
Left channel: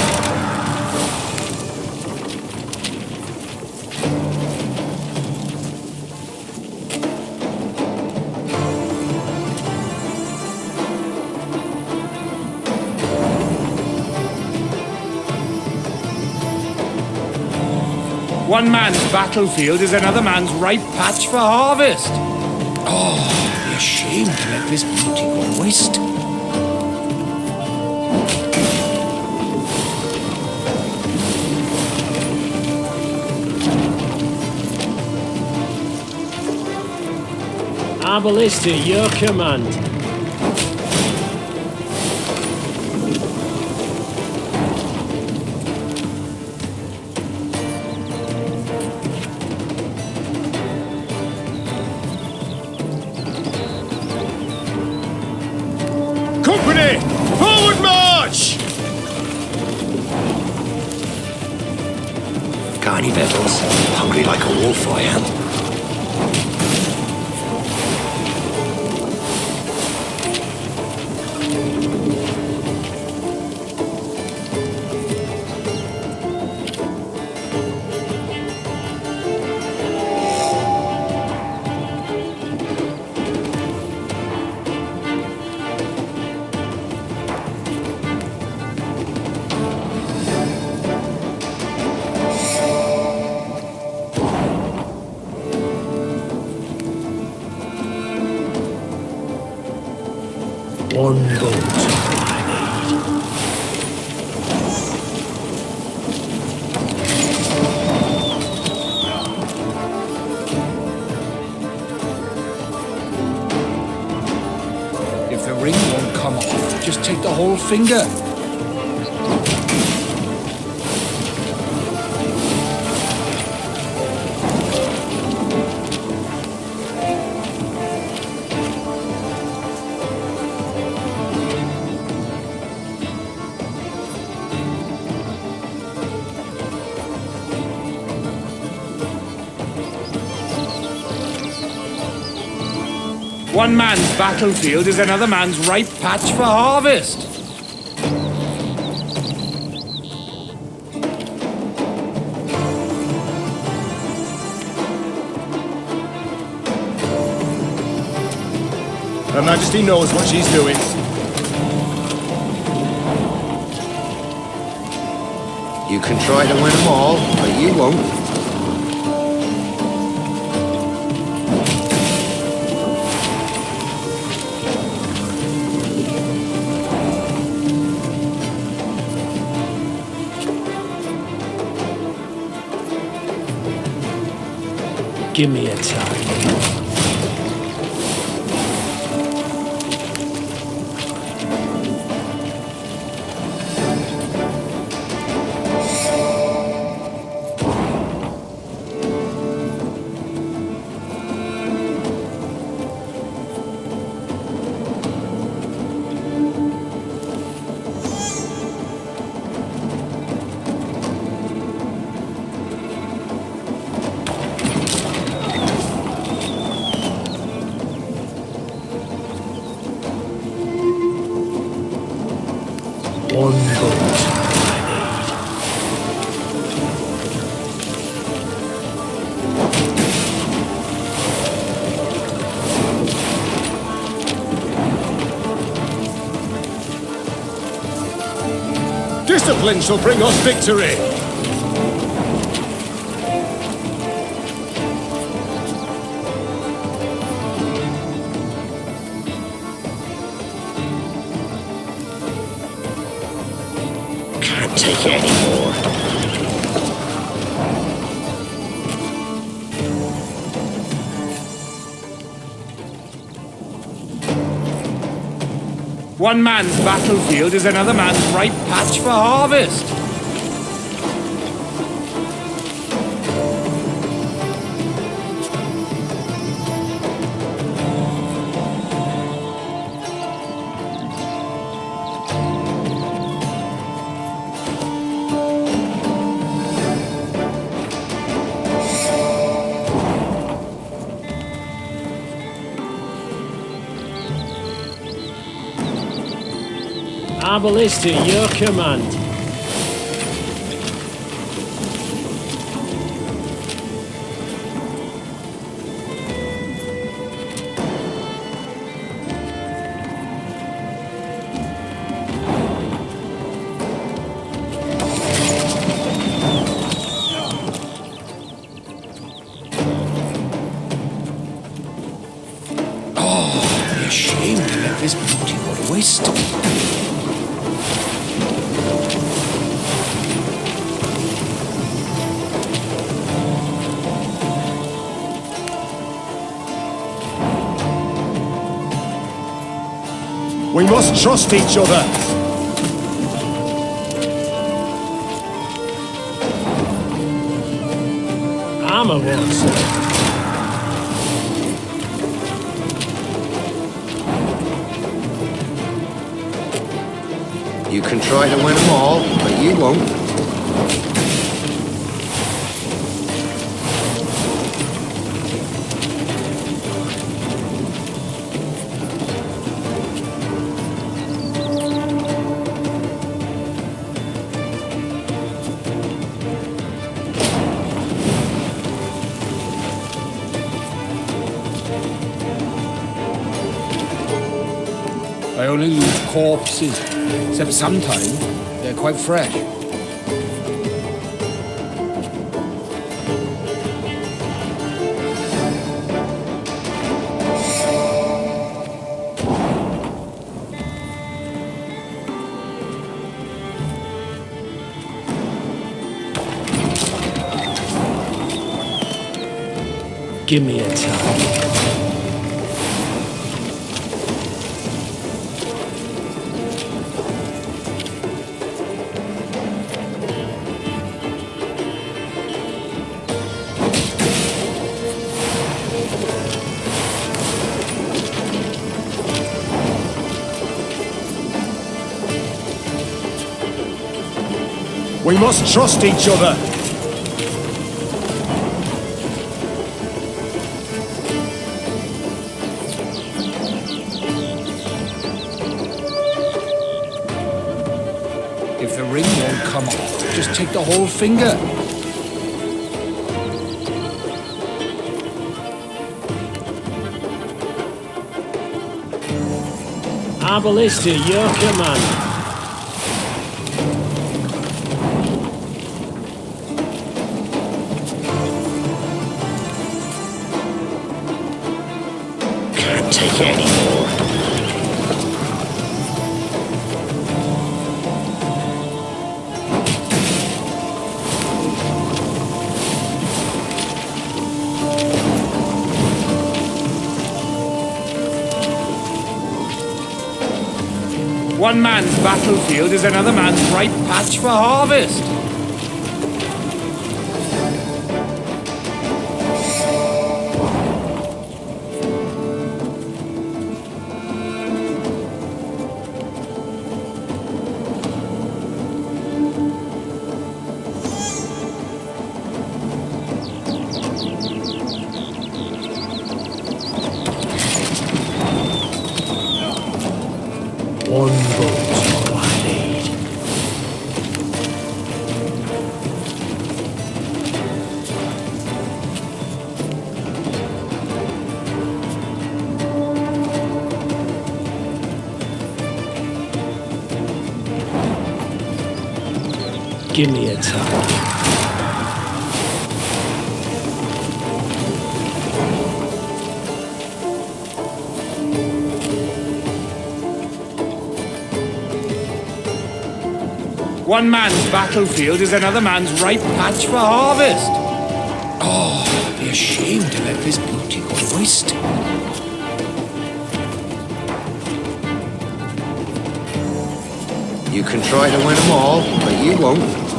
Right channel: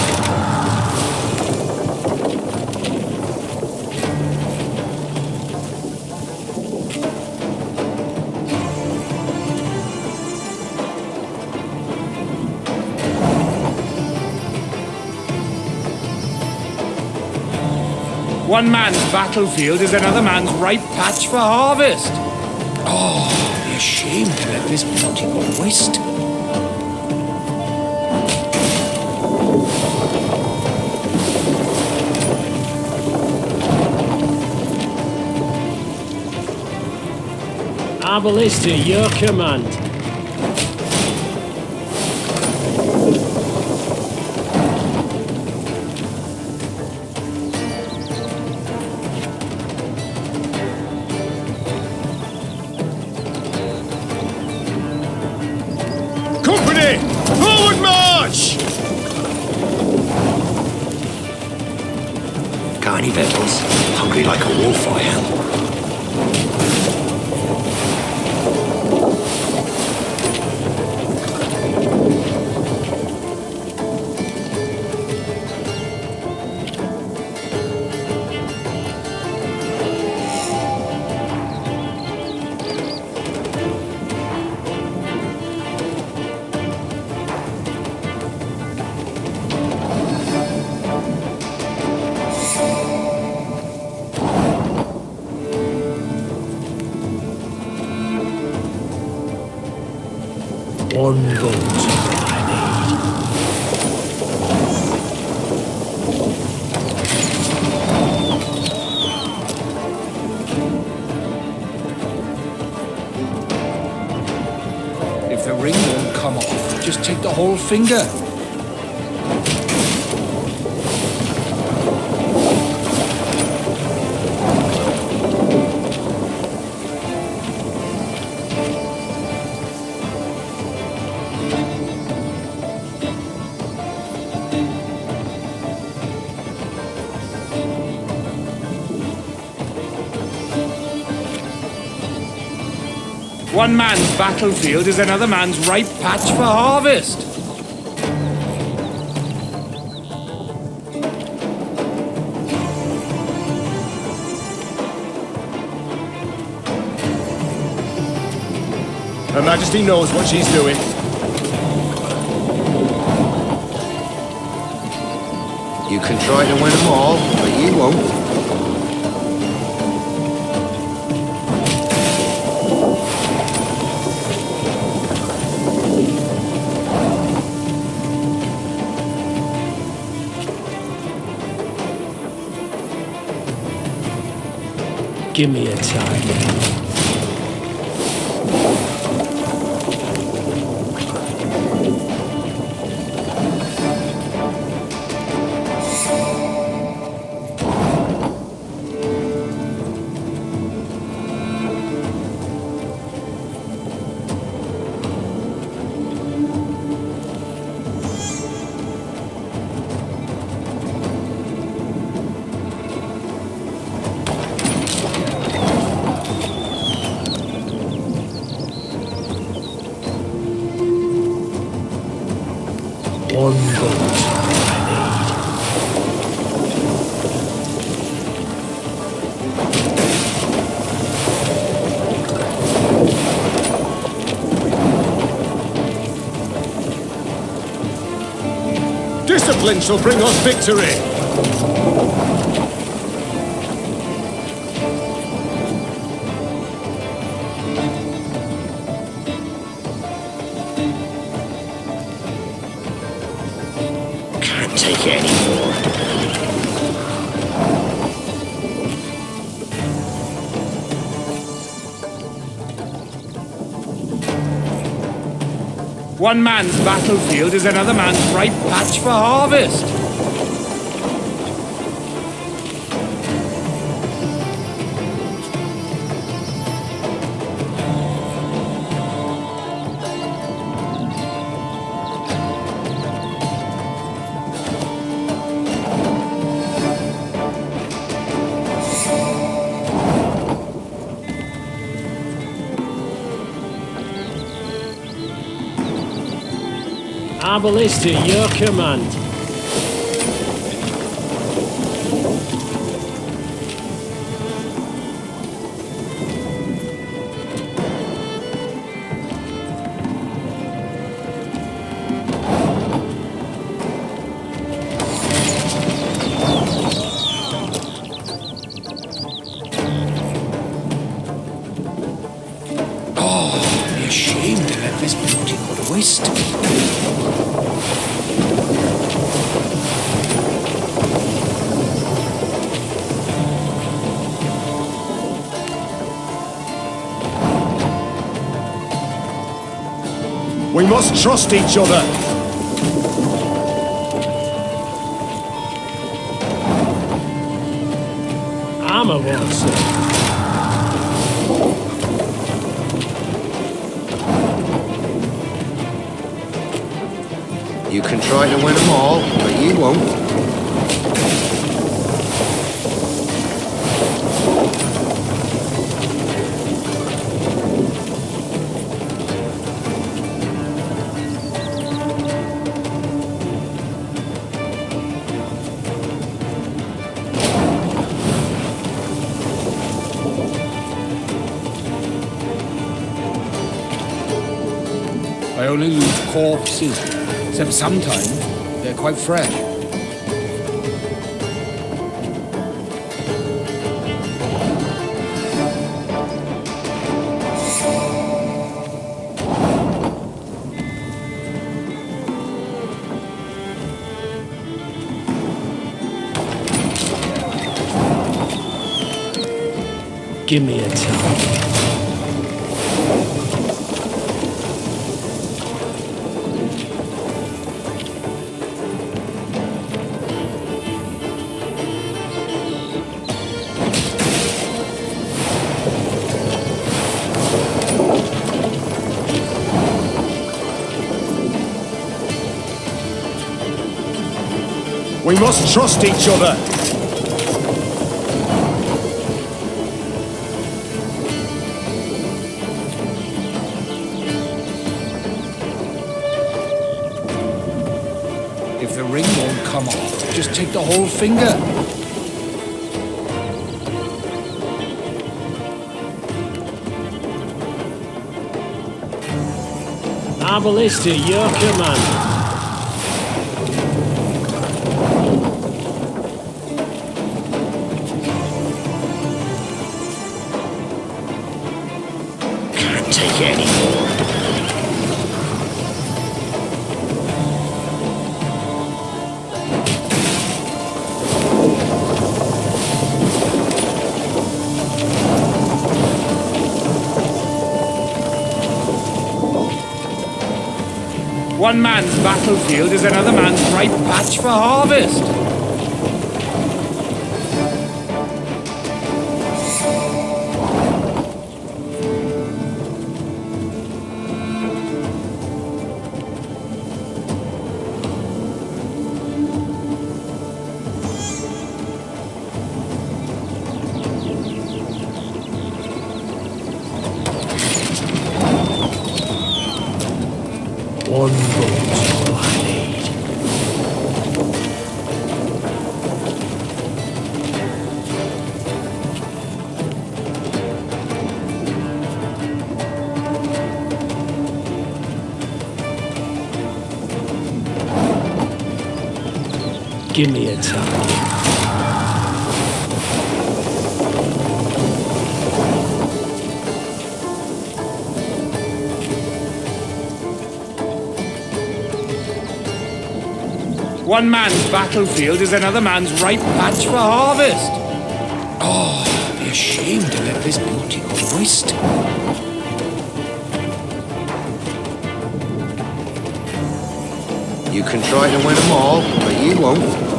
One man's battlefield is another man's ripe patch for harvest. Oh, it'd be a shame to let this beauty go to waste. Our ballista, your command. Company! Forward march! Got any victuals? Hungry like a wolf I am. One bolt I need. If the ring won't come off, just take the whole finger. One man's battlefield is another man's ripe patch for harvest. Her Majesty knows what she's doing. You can try to win them all, but you won't. Give me a time. One boat I need. Discipline shall bring us victory! Can't take it anymore. One man's battlefield is another man's ripe patch for harvest. Our ballista, your command. Oh, I'd be ashamed to let this beauty go to waste. We must trust each other! Armor won't serve. You can try to win them all, but you won't. I only use corpses, except sometimes they're quite fresh. Give me a target. We must trust each other! If the ring won't come off, just take the whole finger. Our ballista, your command. Can't take it anymore. One man's battlefield is another man's ripe patch for harvest. One boat's all I need. Give me a target. One man's battlefield is another man's ripe patch for harvest. Oh, be ashamed to let this beauty go to waste. You can try to win them all, but you won't.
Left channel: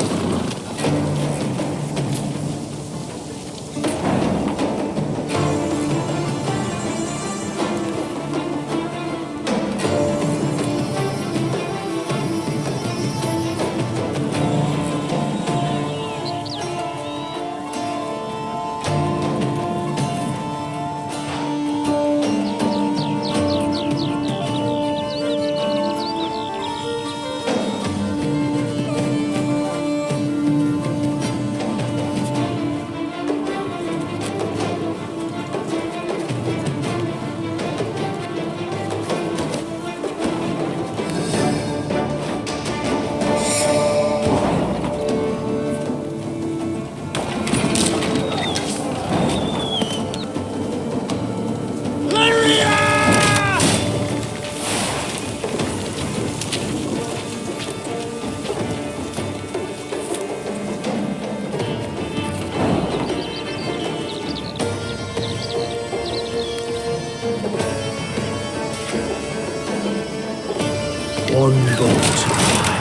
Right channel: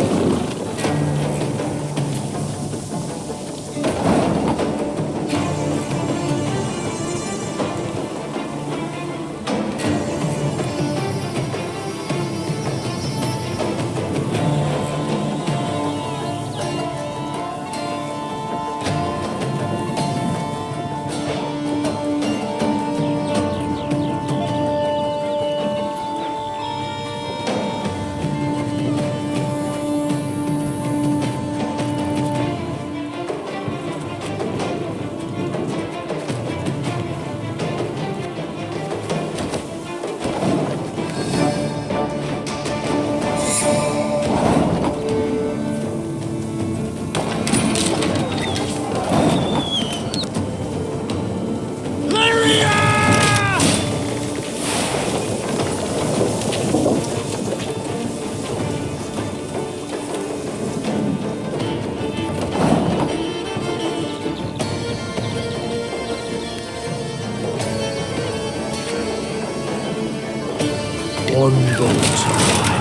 One boat's all I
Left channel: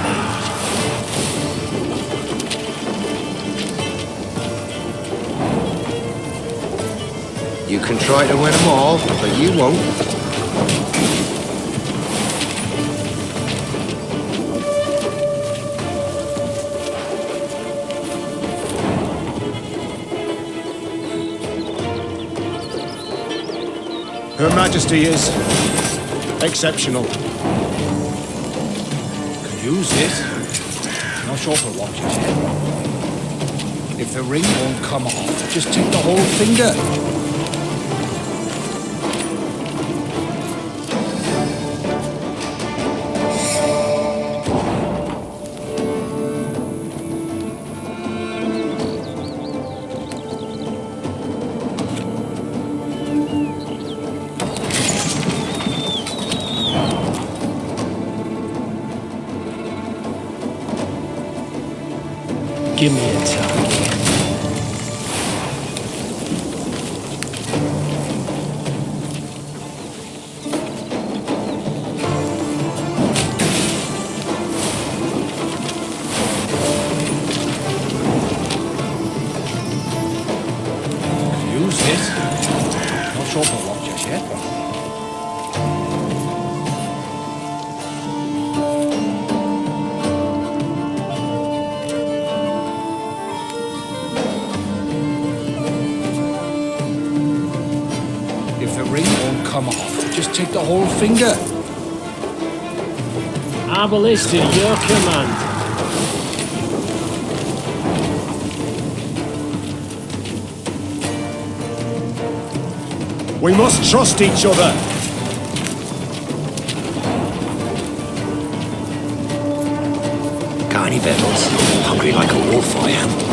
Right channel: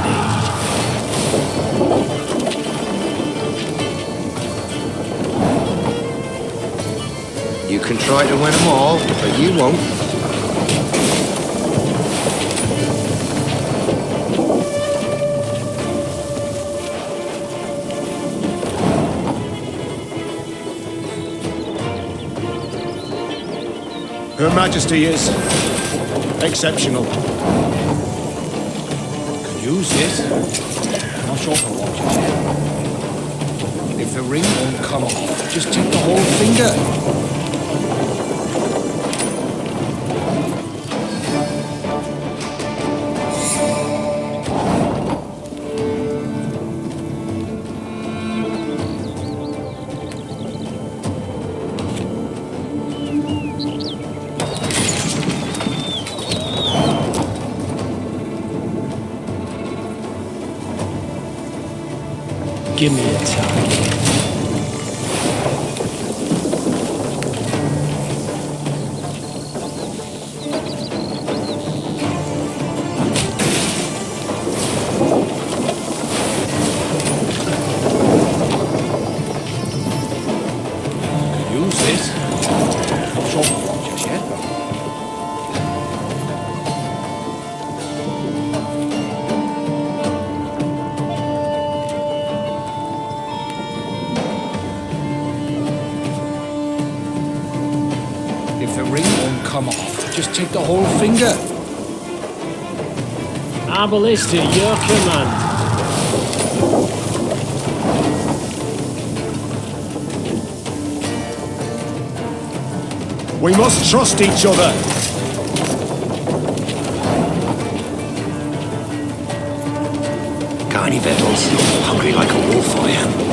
need. You can try to win them all, but you won't. Her Majesty is exceptional. Could use it. Not sure for what just yet. If the ring won't come off, just take the whole finger. Give me a target. Could use this. Not sure for what just yet, but... If the ring won't come off, just take the whole finger. Our ballista, your command. We must trust each other. Got any victuals? Hungry like a wolf I am.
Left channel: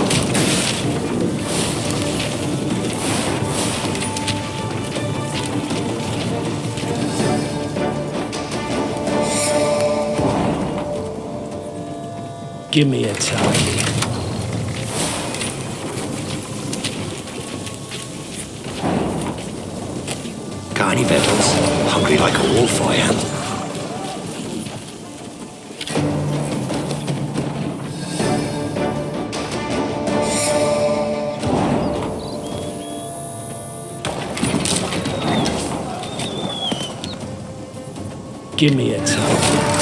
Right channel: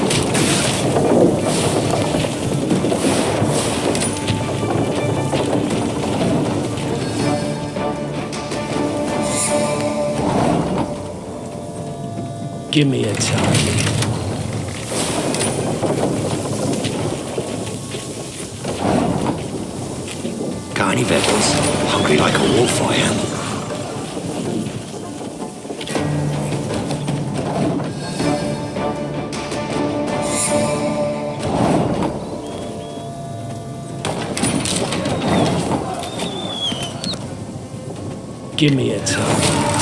Give me a target. Got any victuals? Hungry like a wolf I am. Give me a time.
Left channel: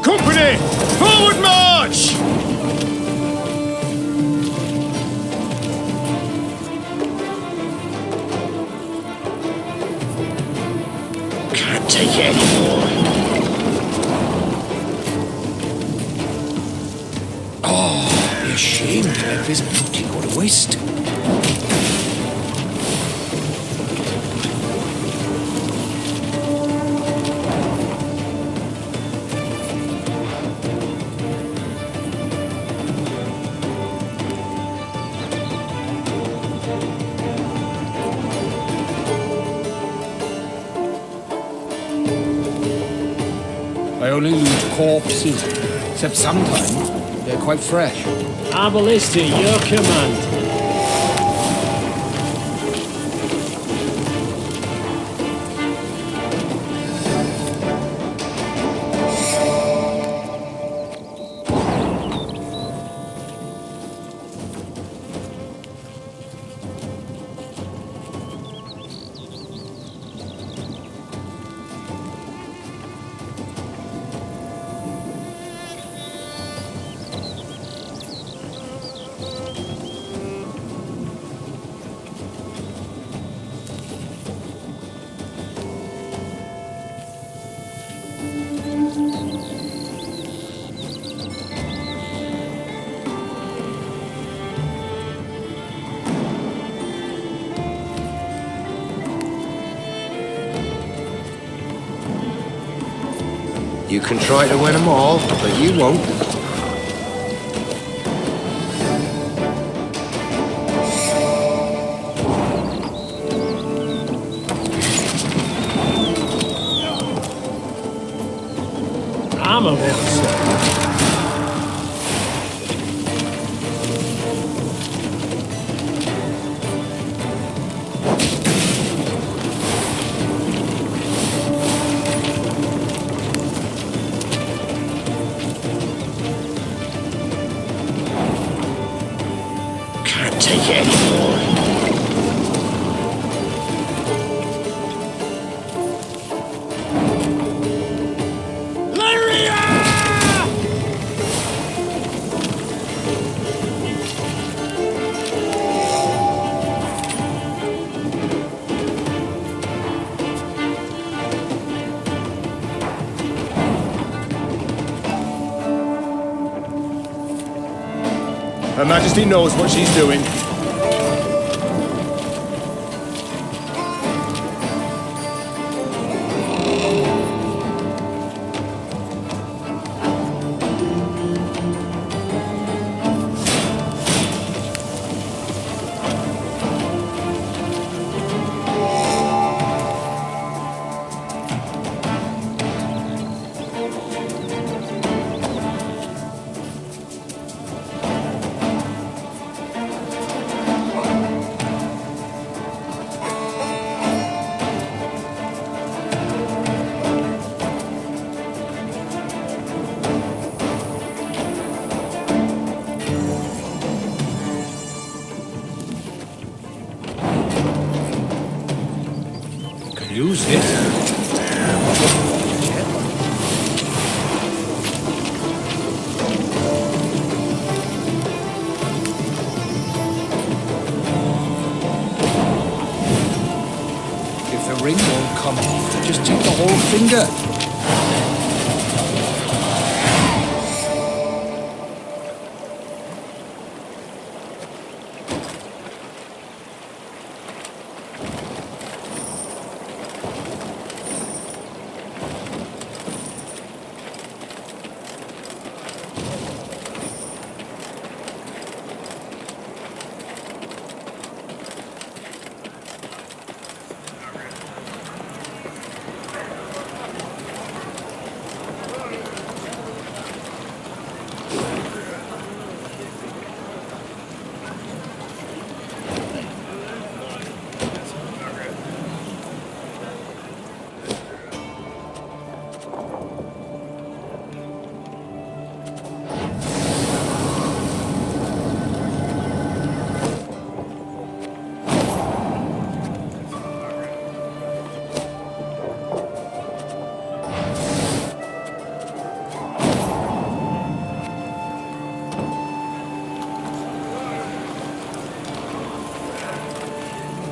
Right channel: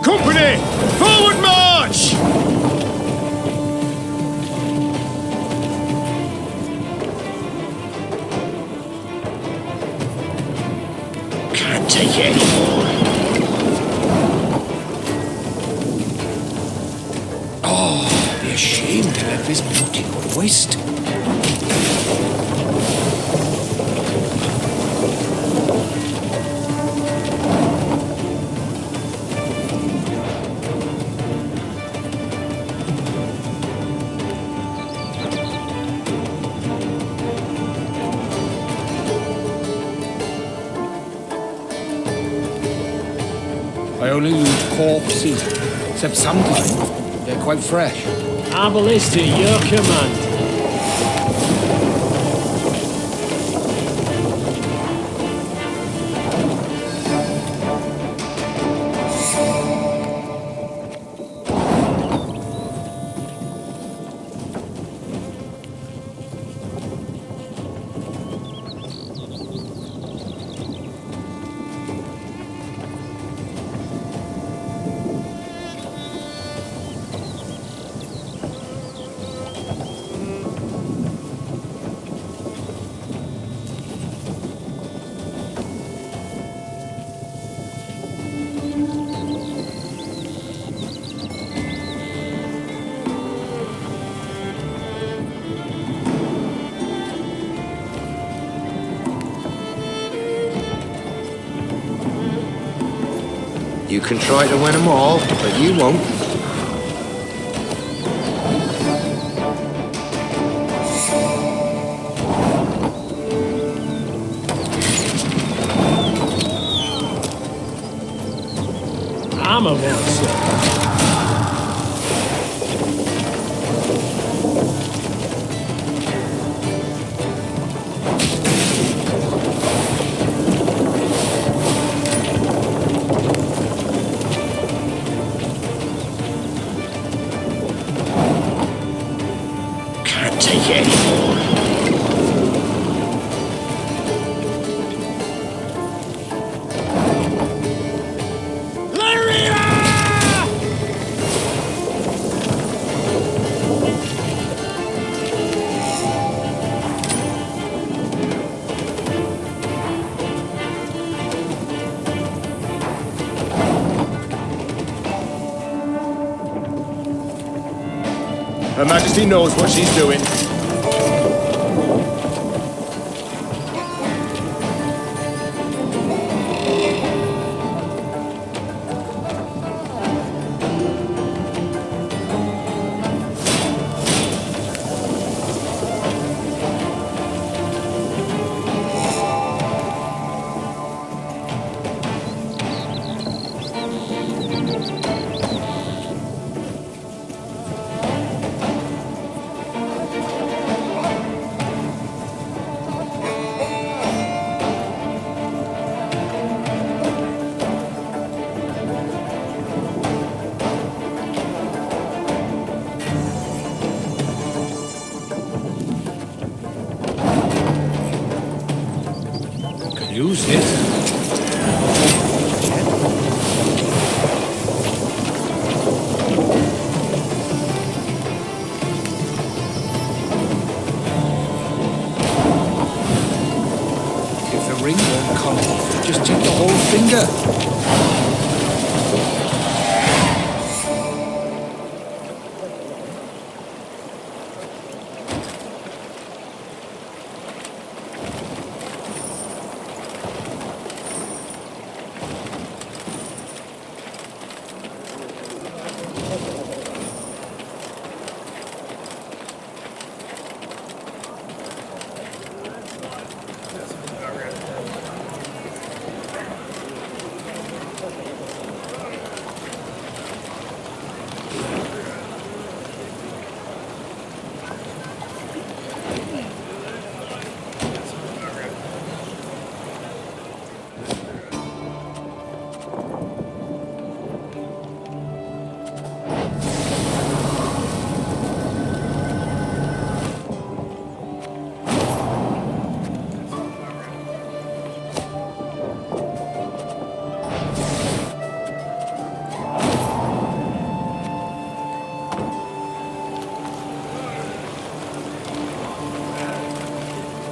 Company! Forward march! Can't take it anymore. Oh, be ashamed to let this beauty go to waste. I only loot corpses, except sometimes they're quite fresh. Our ballista, your command. You can try to win them all, but you won't. Armor won't serve. Can't take it anymore. Her Majesty knows what she's doing. Use this. The ring won't come off. Just take the whole finger.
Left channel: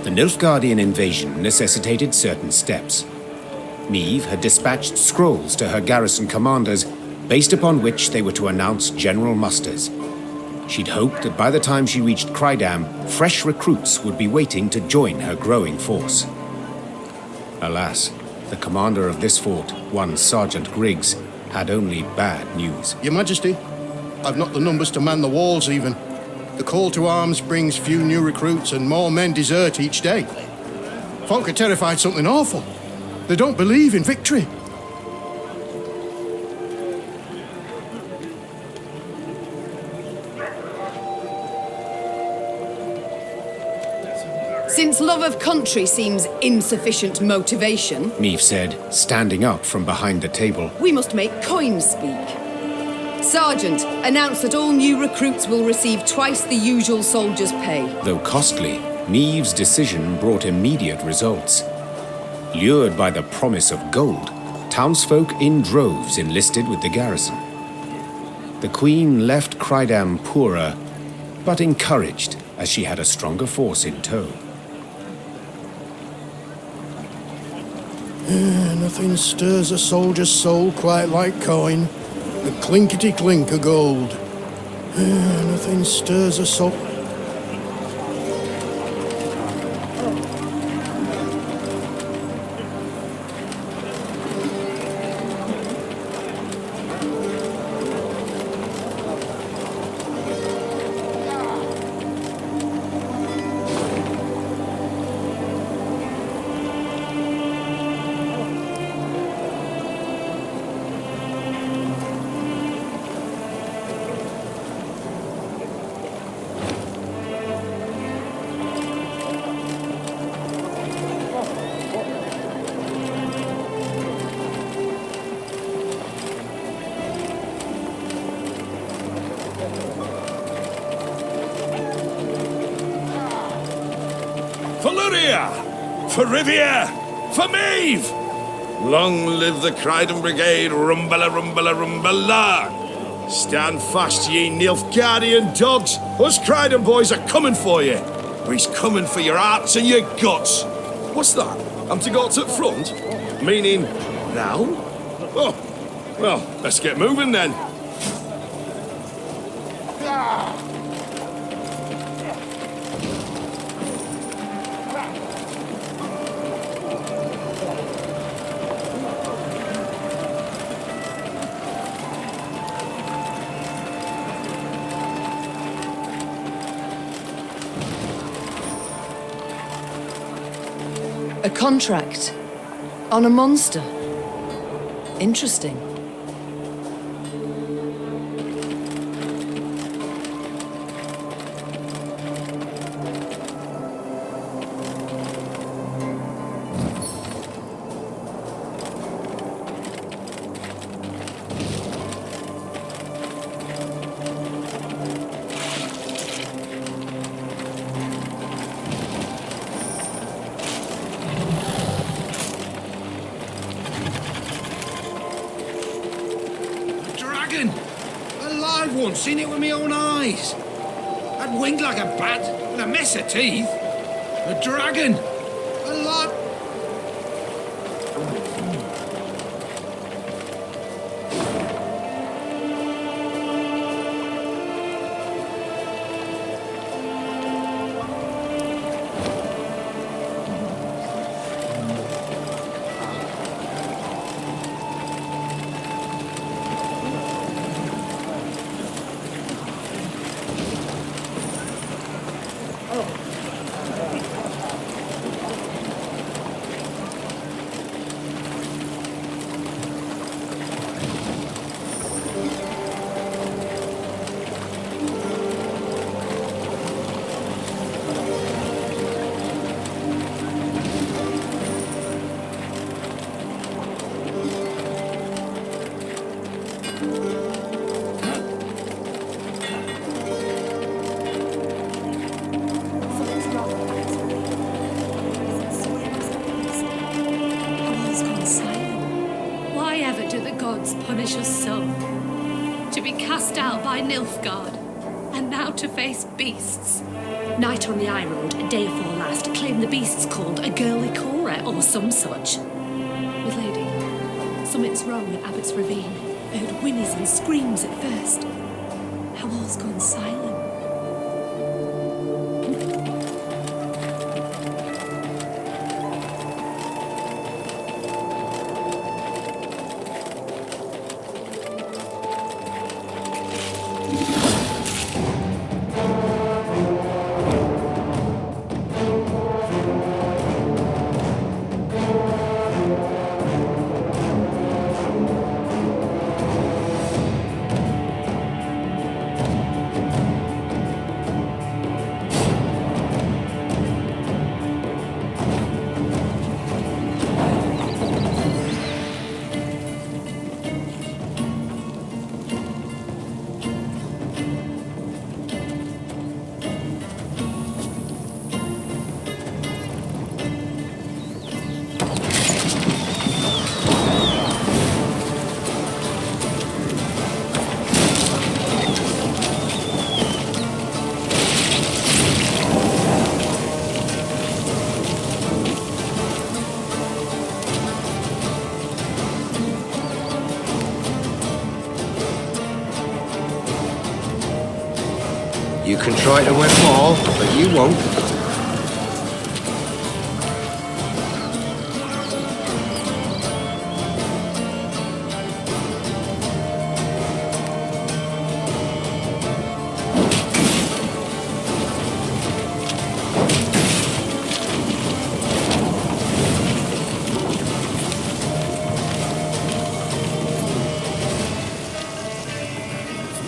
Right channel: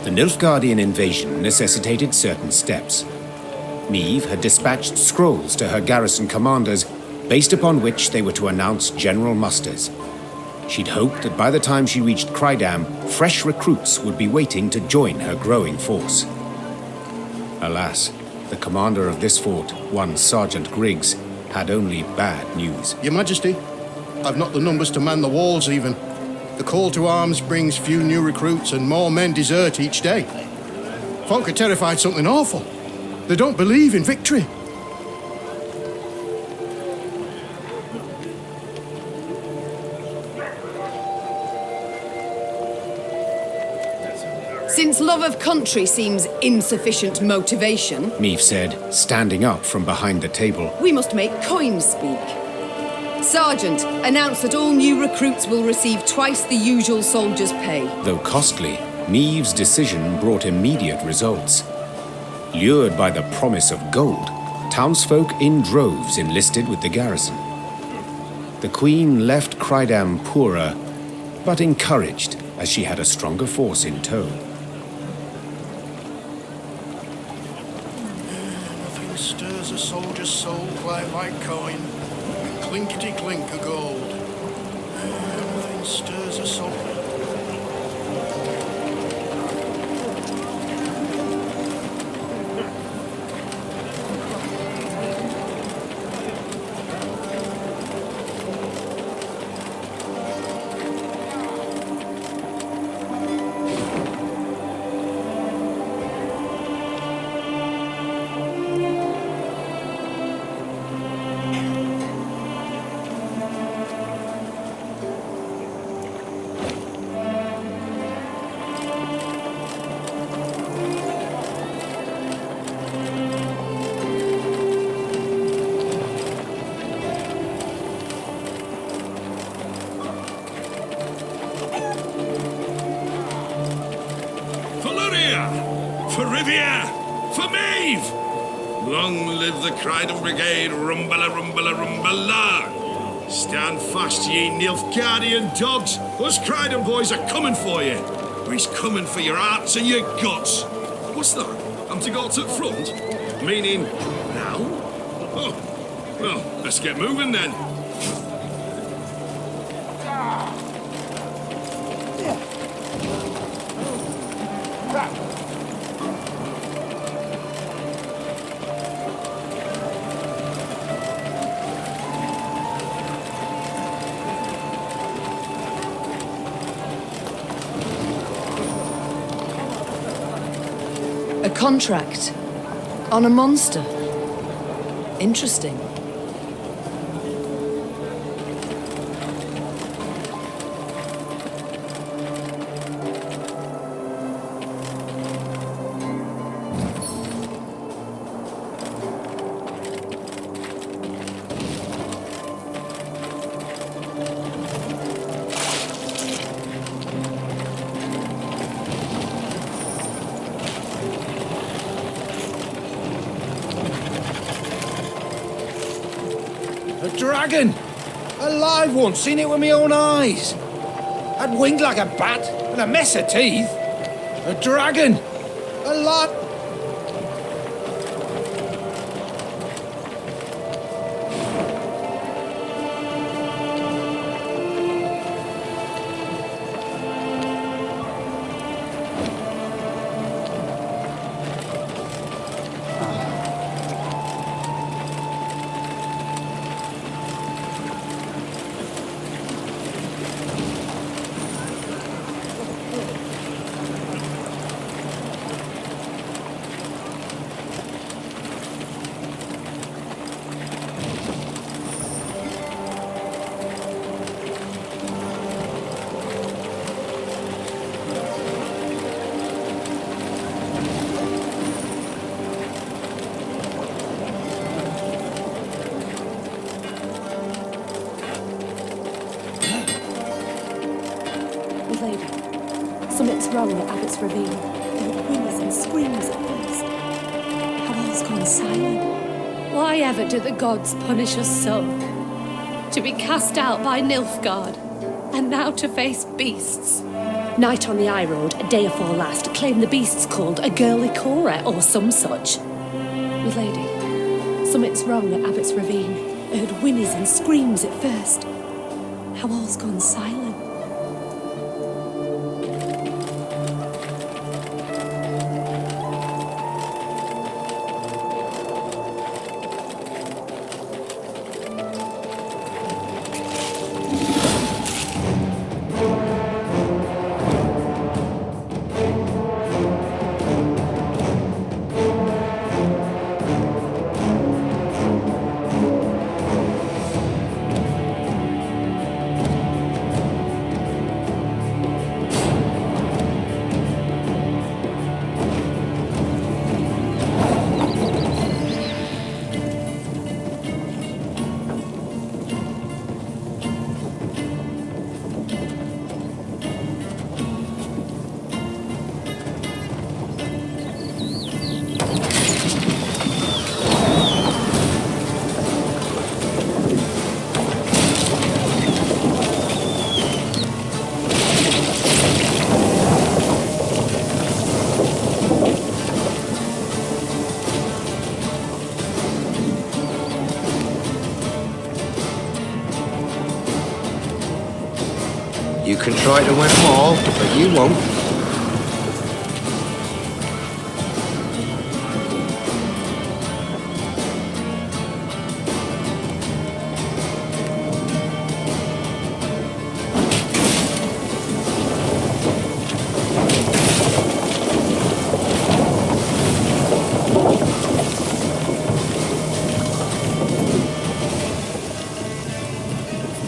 The Nilfgaardian invasion necessitated certain steps. Meve had dispatched scrolls to her garrison commanders, based upon which they were to announce general musters. She'd hoped that by the time she reached Crydam, fresh recruits would be waiting to join her growing force. Alas, the commander of this fort, one Sergeant Griggs, had only bad news. Your Majesty, I've not the numbers to man the walls even. The call to arms brings few new recruits and more men desert each day. Folk are terrified something awful. They don't believe in victory. Since love of country seems insufficient motivation, Meve said, standing up from behind the table. We must make coins speak. Sergeant, announce that all new recruits will receive twice the usual soldier's pay. Though costly, Meve's decision brought immediate results. Lured by the promise of gold, townsfolk in droves enlisted with the garrison. The Queen left Crydam poorer, but encouraged, as she had a stronger force in tow. Nothing stirs a soldier's soul quite like coin. The clinkety-clink of gold. Nothing stirs a soul... For Luria! For Rivia! For Meve! Long live the Crydam Brigade, rumbala, rumbala, rumbala! Stand fast, ye Nilfgaardian dogs! Us Crydam boys are coming for you! He's coming for your hearts and your guts! What's that? I'm to go to the front? Meaning, now? Oh, well, let's get moving then. a contract on a monster. Interesting. A dragon! A live one, seen it with my own eyes. Had wings like a bat and a mess of teeth. A dragon! A lot. silent? Why ever do the gods punish us so? To be cast out by Nilfgaard, and now to face beasts. Night on the high road, a day afore last, claimed the beasts called a girly Cora or some such. Milady, something's wrong at Abbott's Ravine. I heard whinnies and screams at first. How all's gone silent. You can try to win them all, but you won't.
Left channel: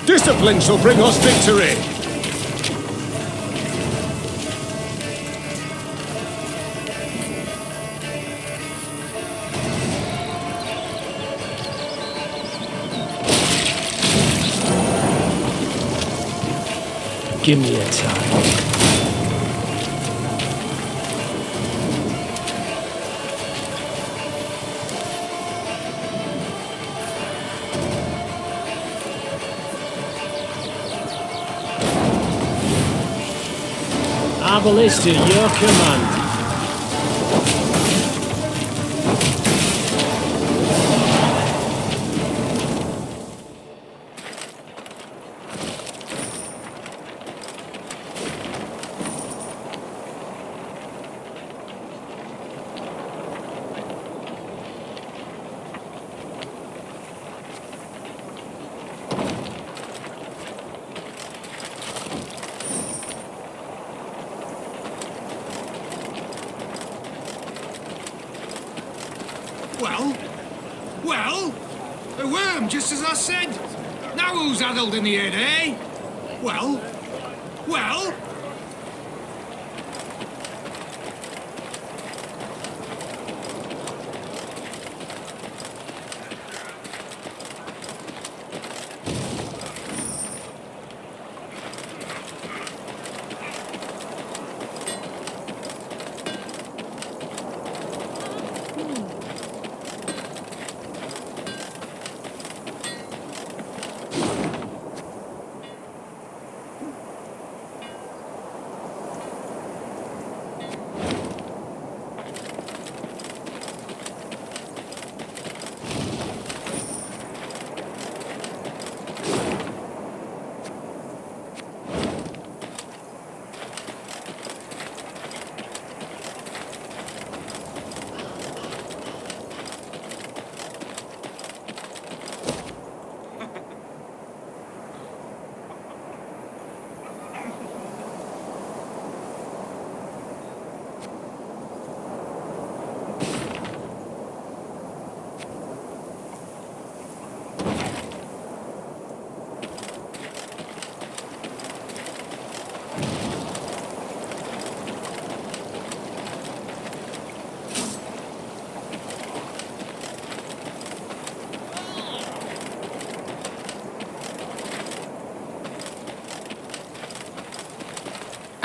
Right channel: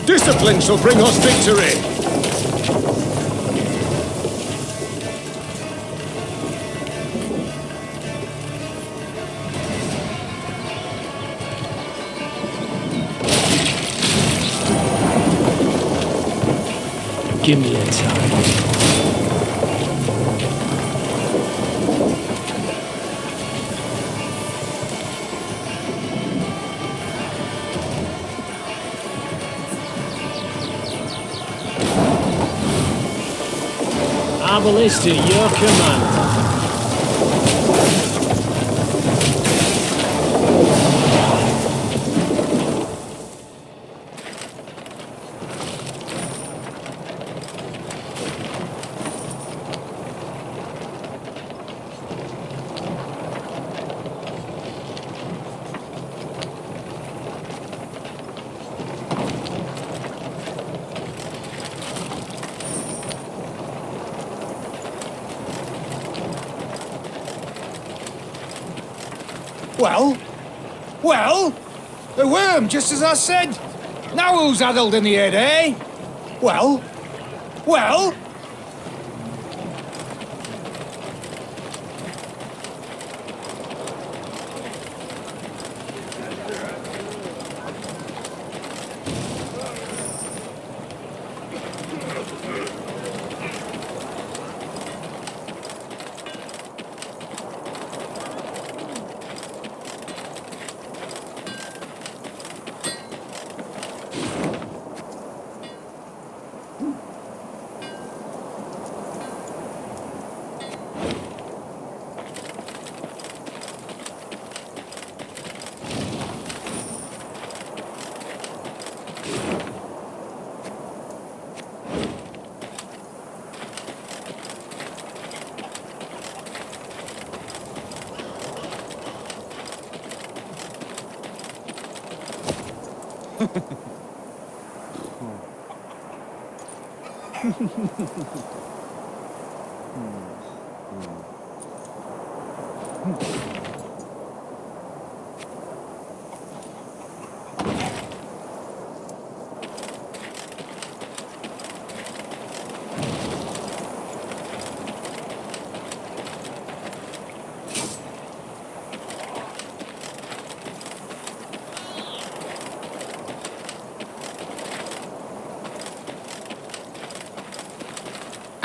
Discipline shall bring us victory! Give me a time. Arbalist to your command. Well, a worm, just as I said. Now who's addled in the head, eh? Well.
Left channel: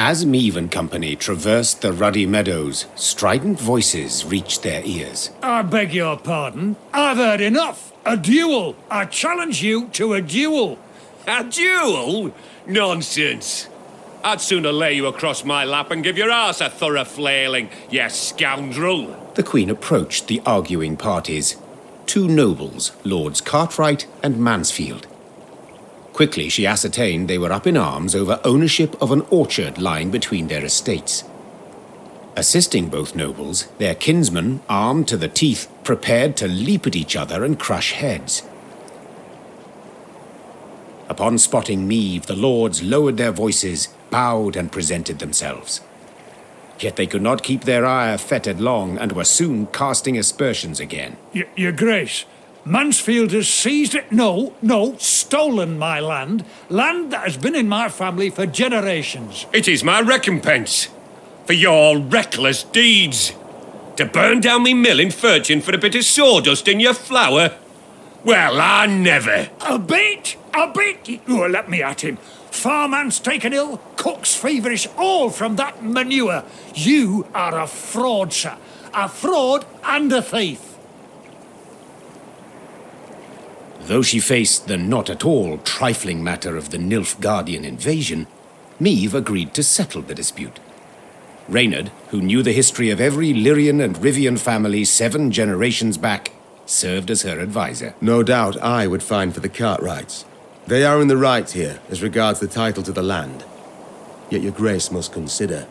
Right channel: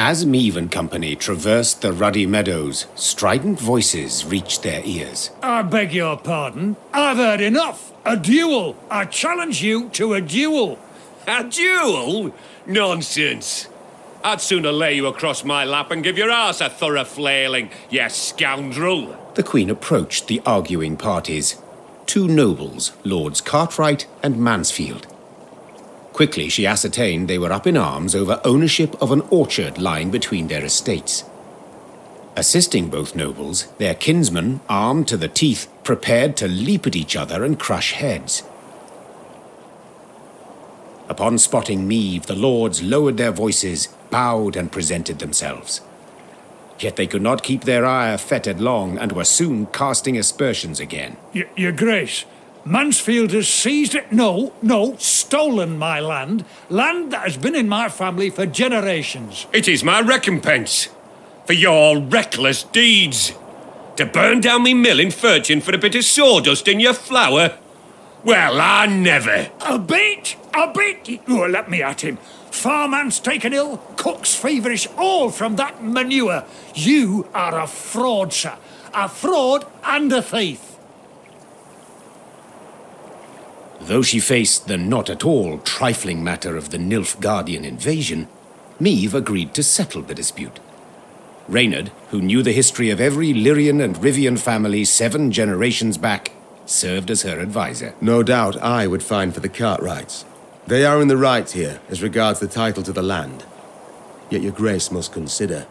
As Meave and company traversed the ruddy meadows, strident voices reached their ears. I beg your pardon. I've heard enough. A duel. I challenge you to a duel. A duel? Nonsense. I'd sooner lay you across my lap and give your arse a thorough flailing, you scoundrel. The Queen approached the arguing parties. Two nobles, Lords Cartwright and Mansfield. Quickly she ascertained they were up in arms over ownership of an orchard lying between their estates. Assisting both nobles, their kinsmen, armed to the teeth, prepared to leap at each other and crush heads. Upon spotting Meave, the lords lowered their voices, bowed and presented themselves. Yet they could not keep their ire fettered long, and were soon casting aspersions again. Your Grace, Mansfield has seized it. No, stolen my land. Land that has been in my family for generations. It is my recompense for your reckless deeds. To burn down me mill in Furchin for a bit of sawdust in your flour? Well, I never. A bit? Oh, let me at him. Farman's taken ill, cook's feverish, all from that manure. You are a fraud, sir. A fraud and a thief. Though she faced the not at all trifling matter of the Nilfgaardian invasion, Meave agreed to settle the dispute. Reynard, who knew the history of every Lyrian and Rivian family 7 generations back, served as her advisor. No doubt I would find for the Cartwrights. They are in the right here, as regards the title to the land. Yet your grace must consider,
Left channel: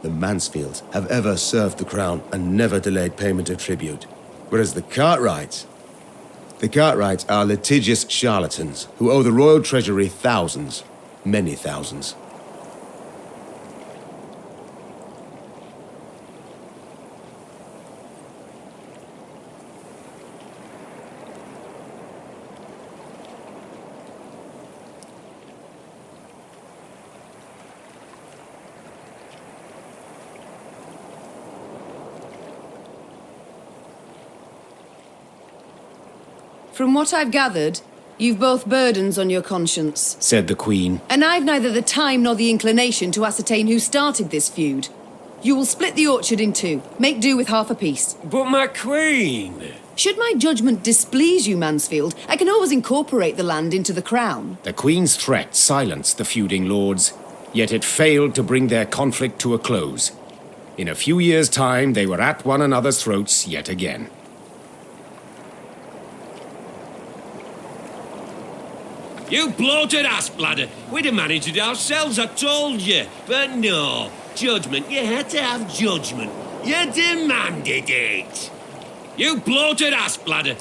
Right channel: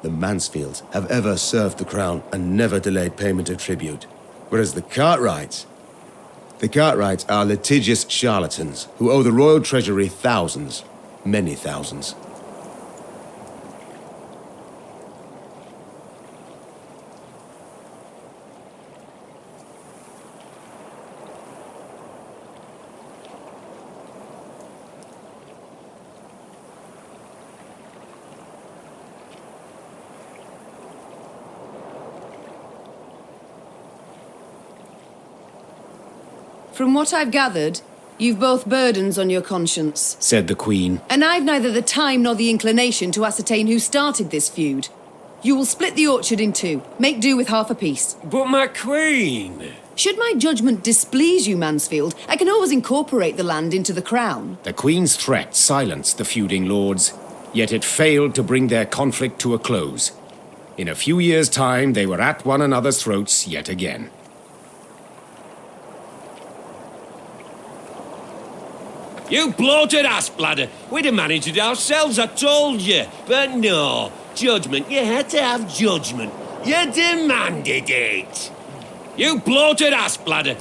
the Mansfields have ever served the crown and never delayed payment of tribute. Whereas the Cartwrights are litigious charlatans who owe the royal treasury thousands, many thousands. From what I've gathered, you've both burdens on your conscience, said the Queen. And I've neither the time nor the inclination to ascertain who started this feud. You will split the orchard in 2. Make do with half a piece. But my Queen... Should my judgment displease you, Mansfield, I can always incorporate the land into the crown. The Queen's threat silenced the feuding lords, yet it failed to bring their conflict to a close. In a few years' time, they were at one another's throats yet again. You bloated ass bladder. We'd have managed it ourselves, I told you. But no. Judgment. You had to have judgment. You demanded it. You bloated ass bladder.